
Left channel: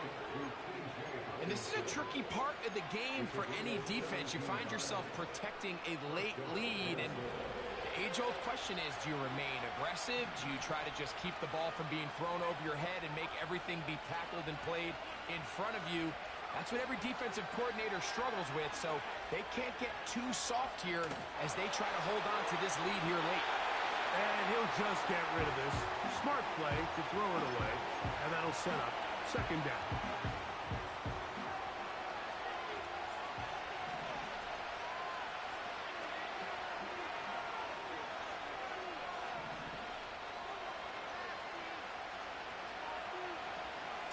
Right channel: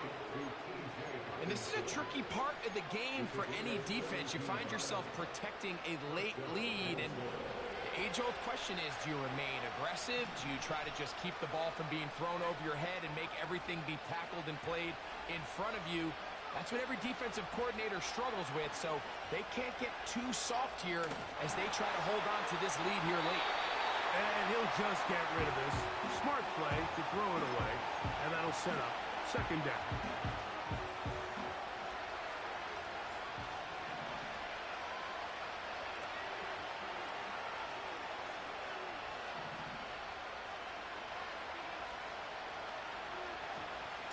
And this is a tricky part of the game for any defense. You find yourself protecting a late lead, and the age-old question is, do you remain aggressive? Do you try to just keep the ball from being thrown over your head and make everything be tackled and played in front of you? That's what every defensive coordinator struggles with, so they can't get too soft here as they try to hold on to this lead here late. And he'll just get rid of this. Smart play to throw it away, and that'll set up second down.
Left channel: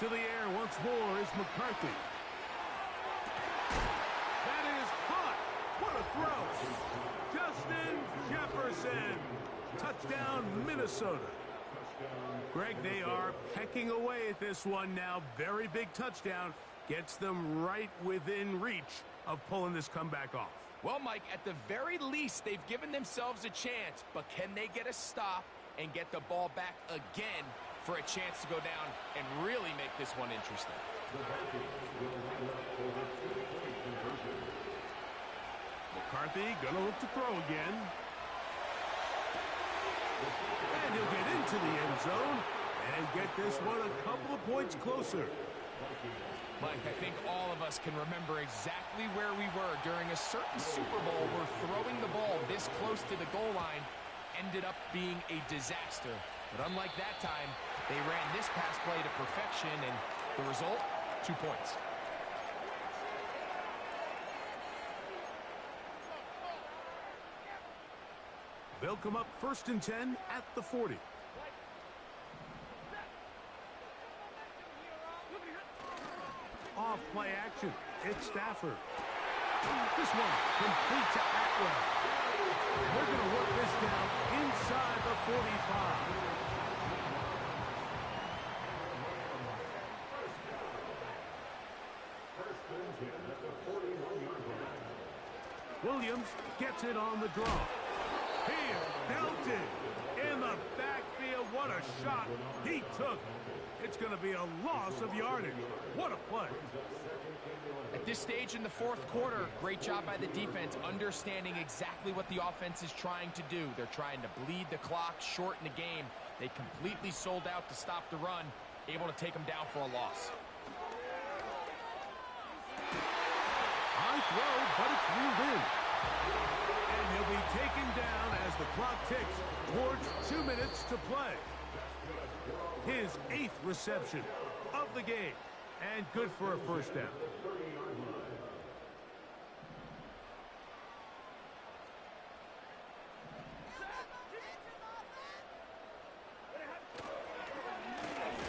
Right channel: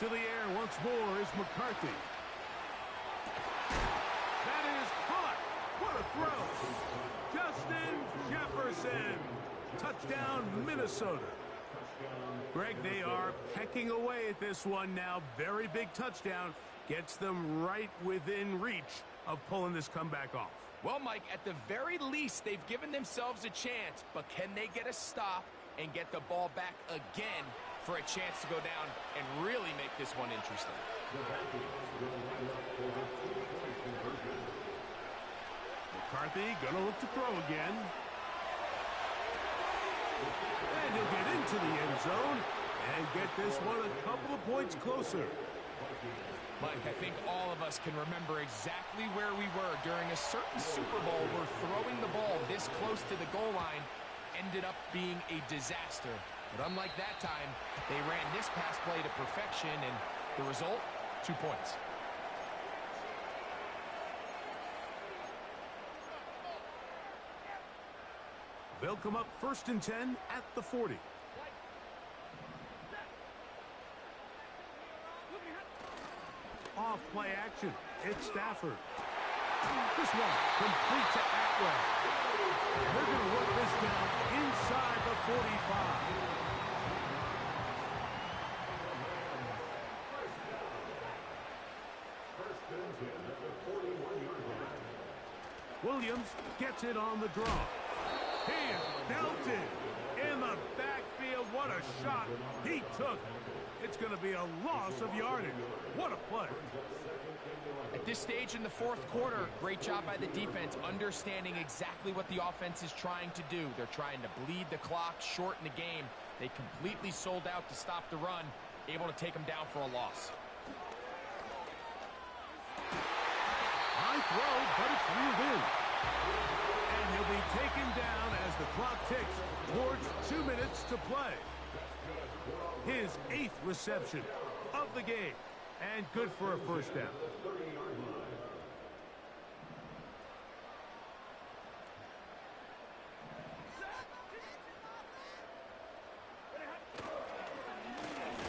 To the air once more is McCarthy. That is caught. What a throw. Justin Jefferson. Touchdown, Minnesota. Greg, they are pecking away at this one now. Very big touchdown. Gets them right within reach of pulling this comeback off. Well, Mike, at the very least, they've given themselves a chance, but can they get a stop and get the ball back again for a chance to go down and really make this one interesting? McCarthy gonna look to throw again. And he'll get into the end zone and get this one a couple of points closer. Mike, I think all of us can remember exactly where we were during a certain Super Bowl where throwing the ball this close to the goal line ended up being a disaster. But unlike that time, they ran this pass play to perfection, and the result, 2 points. They'll come up 1st and 10 at the 40. Off play action. It's Stafford. This one complete to Atwell. And they're going to work this down inside the 45. Williams gets it on the draw. He is belted in the backfield. What a shot he took. It's going to be a loss of yardage. What a play. At this stage in the fourth quarter, great job by the defense, understanding exactly what the offense is trying to do. They're trying to bleed the clock, shorten the game. They completely sold out to stop the run, able to take them down for a loss. High throw, but it's reeled in. And he'll be taken down as the clock ticks towards 2 minutes to play. His 8th reception of the game, and good for a first down.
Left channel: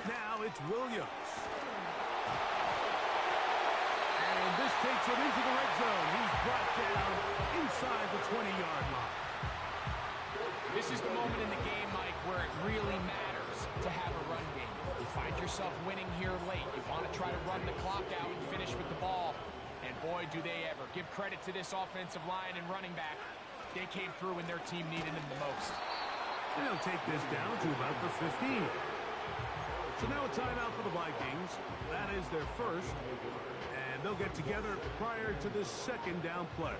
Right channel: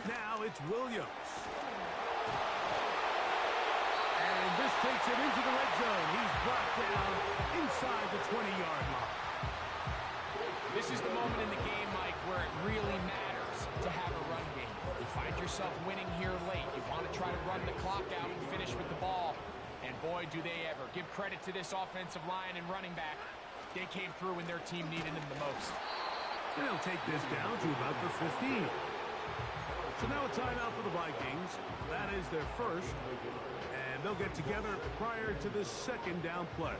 Now it's Williams. And this takes him into the red zone. He's brought down inside the 20-yard line. This is the moment in the game, Mike, where it really matters to have a run game. You find yourself winning here late. You want to try to run the clock out and finish with the ball. And boy, do they ever. Give credit to this offensive line and running back. They came through when their team needed them the most. And they'll take this down to about the 15. So now a timeout for the Vikings. That is their first. And they'll get together prior to the second down play.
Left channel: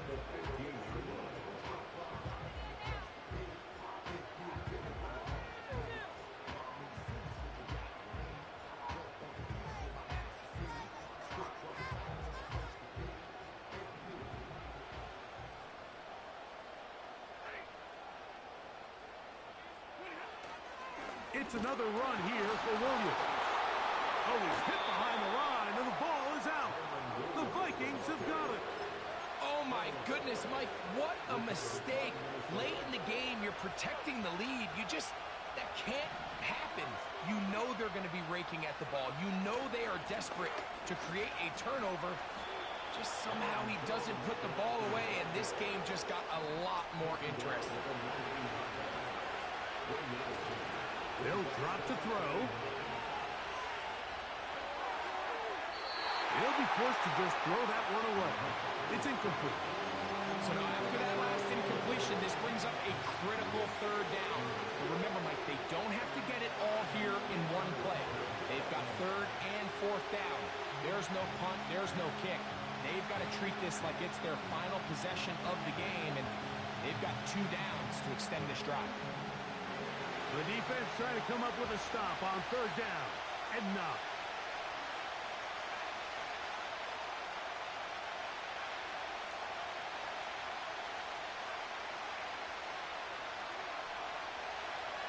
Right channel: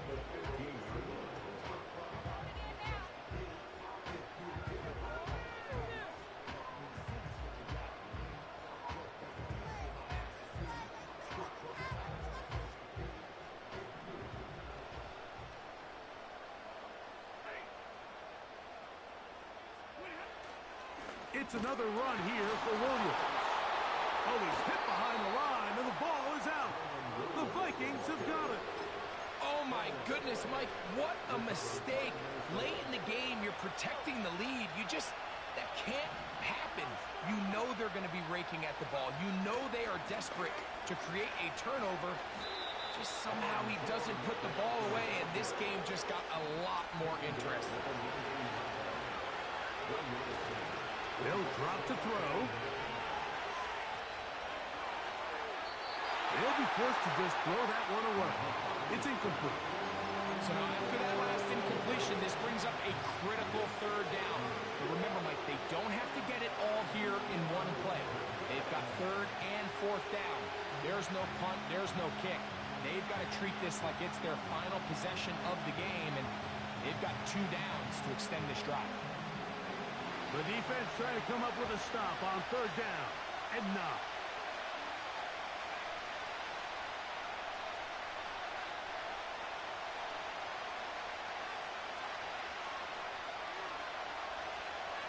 It's another run here for Williams. Oh, he's hit behind the line, and the ball is out. The Vikings have got it. Oh, my goodness, Mike, what a mistake. Late in the game, you're protecting the lead. That can't happen. You know they're going to be raking at the ball. You know they are desperate to create a turnover. Just somehow he doesn't put the ball away, and this game just got a lot more interesting. They'll drop to throw. He'll be forced to just throw that one away. It's incomplete. So now after that last incompletion, this brings up a critical third down. But remember, Mike, they don't have to get it all here in one play. They've got third and fourth down. There's no punt, there's no kick. They've got to treat this like it's their final possession of the game, and they've got 2 downs to extend this drive. The defense trying to come up with a stop on third down, and not.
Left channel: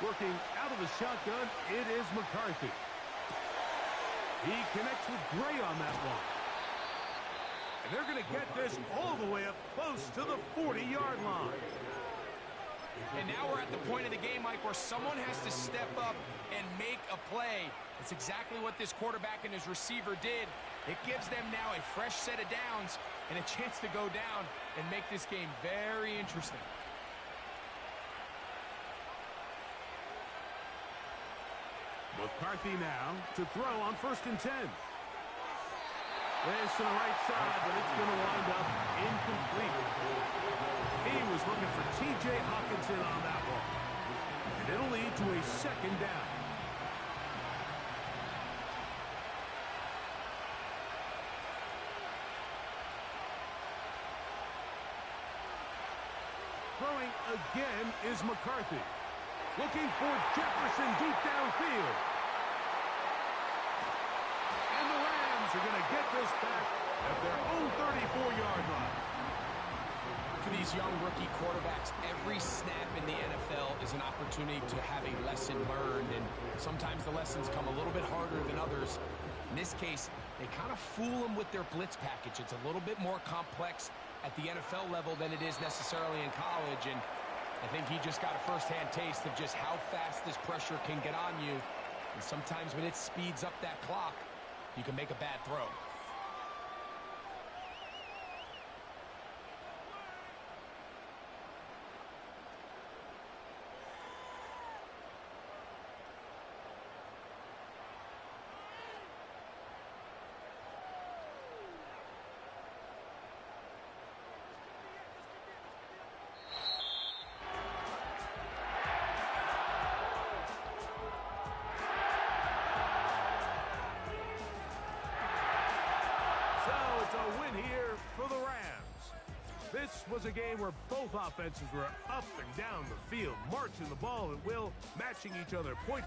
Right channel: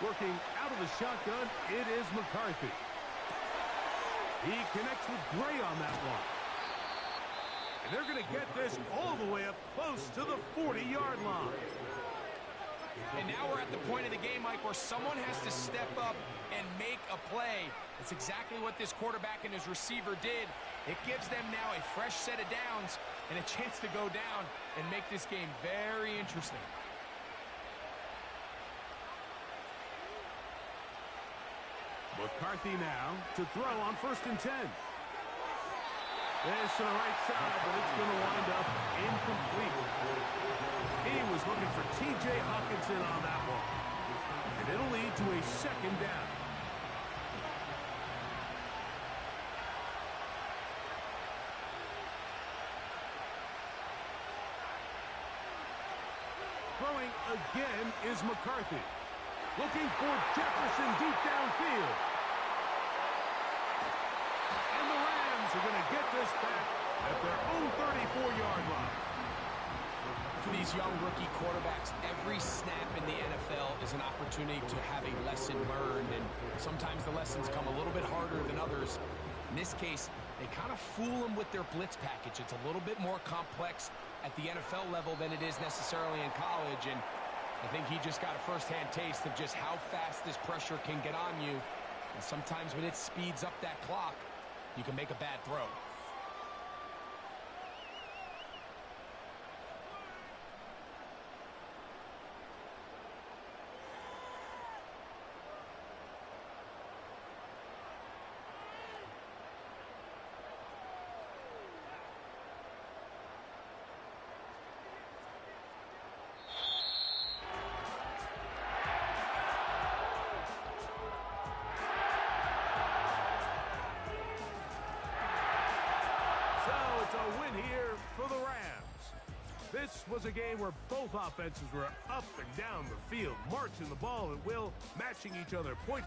Working out of the shotgun, it is McCarthy. He connects with Gray on that one. And they're going to get this all the way up close to the 40-yard line. And now we're at the point of the game, Mike, where someone has to step up and make a play. That's exactly what this quarterback and his receiver did. It gives them now a fresh set of downs and a chance to go down and make this game very interesting. McCarthy now to throw on 1st and 10. This to the right side, but it's going to wind up incomplete. He was looking for T.J. Hawkinson on that one. And it'll lead to a 2nd down. Throwing again is McCarthy. Looking for Jefferson deep downfield. And the Rams are going to get this back at their own 34-yard line. For these young rookie quarterbacks, every snap in the NFL is an opportunity to have a lesson learned, and sometimes the lessons come a little bit harder than others. In this case, they kind of fool them with their blitz package. It's a little bit more complex at the NFL level than it is necessarily in college, and I think he just got a first-hand taste of just how fast this pressure can get on you. And sometimes when it speeds up that clock, you can make a bad throw. A win here for the Rams. This was a game where both offenses were up and down the field, marching the ball at will, matching each other point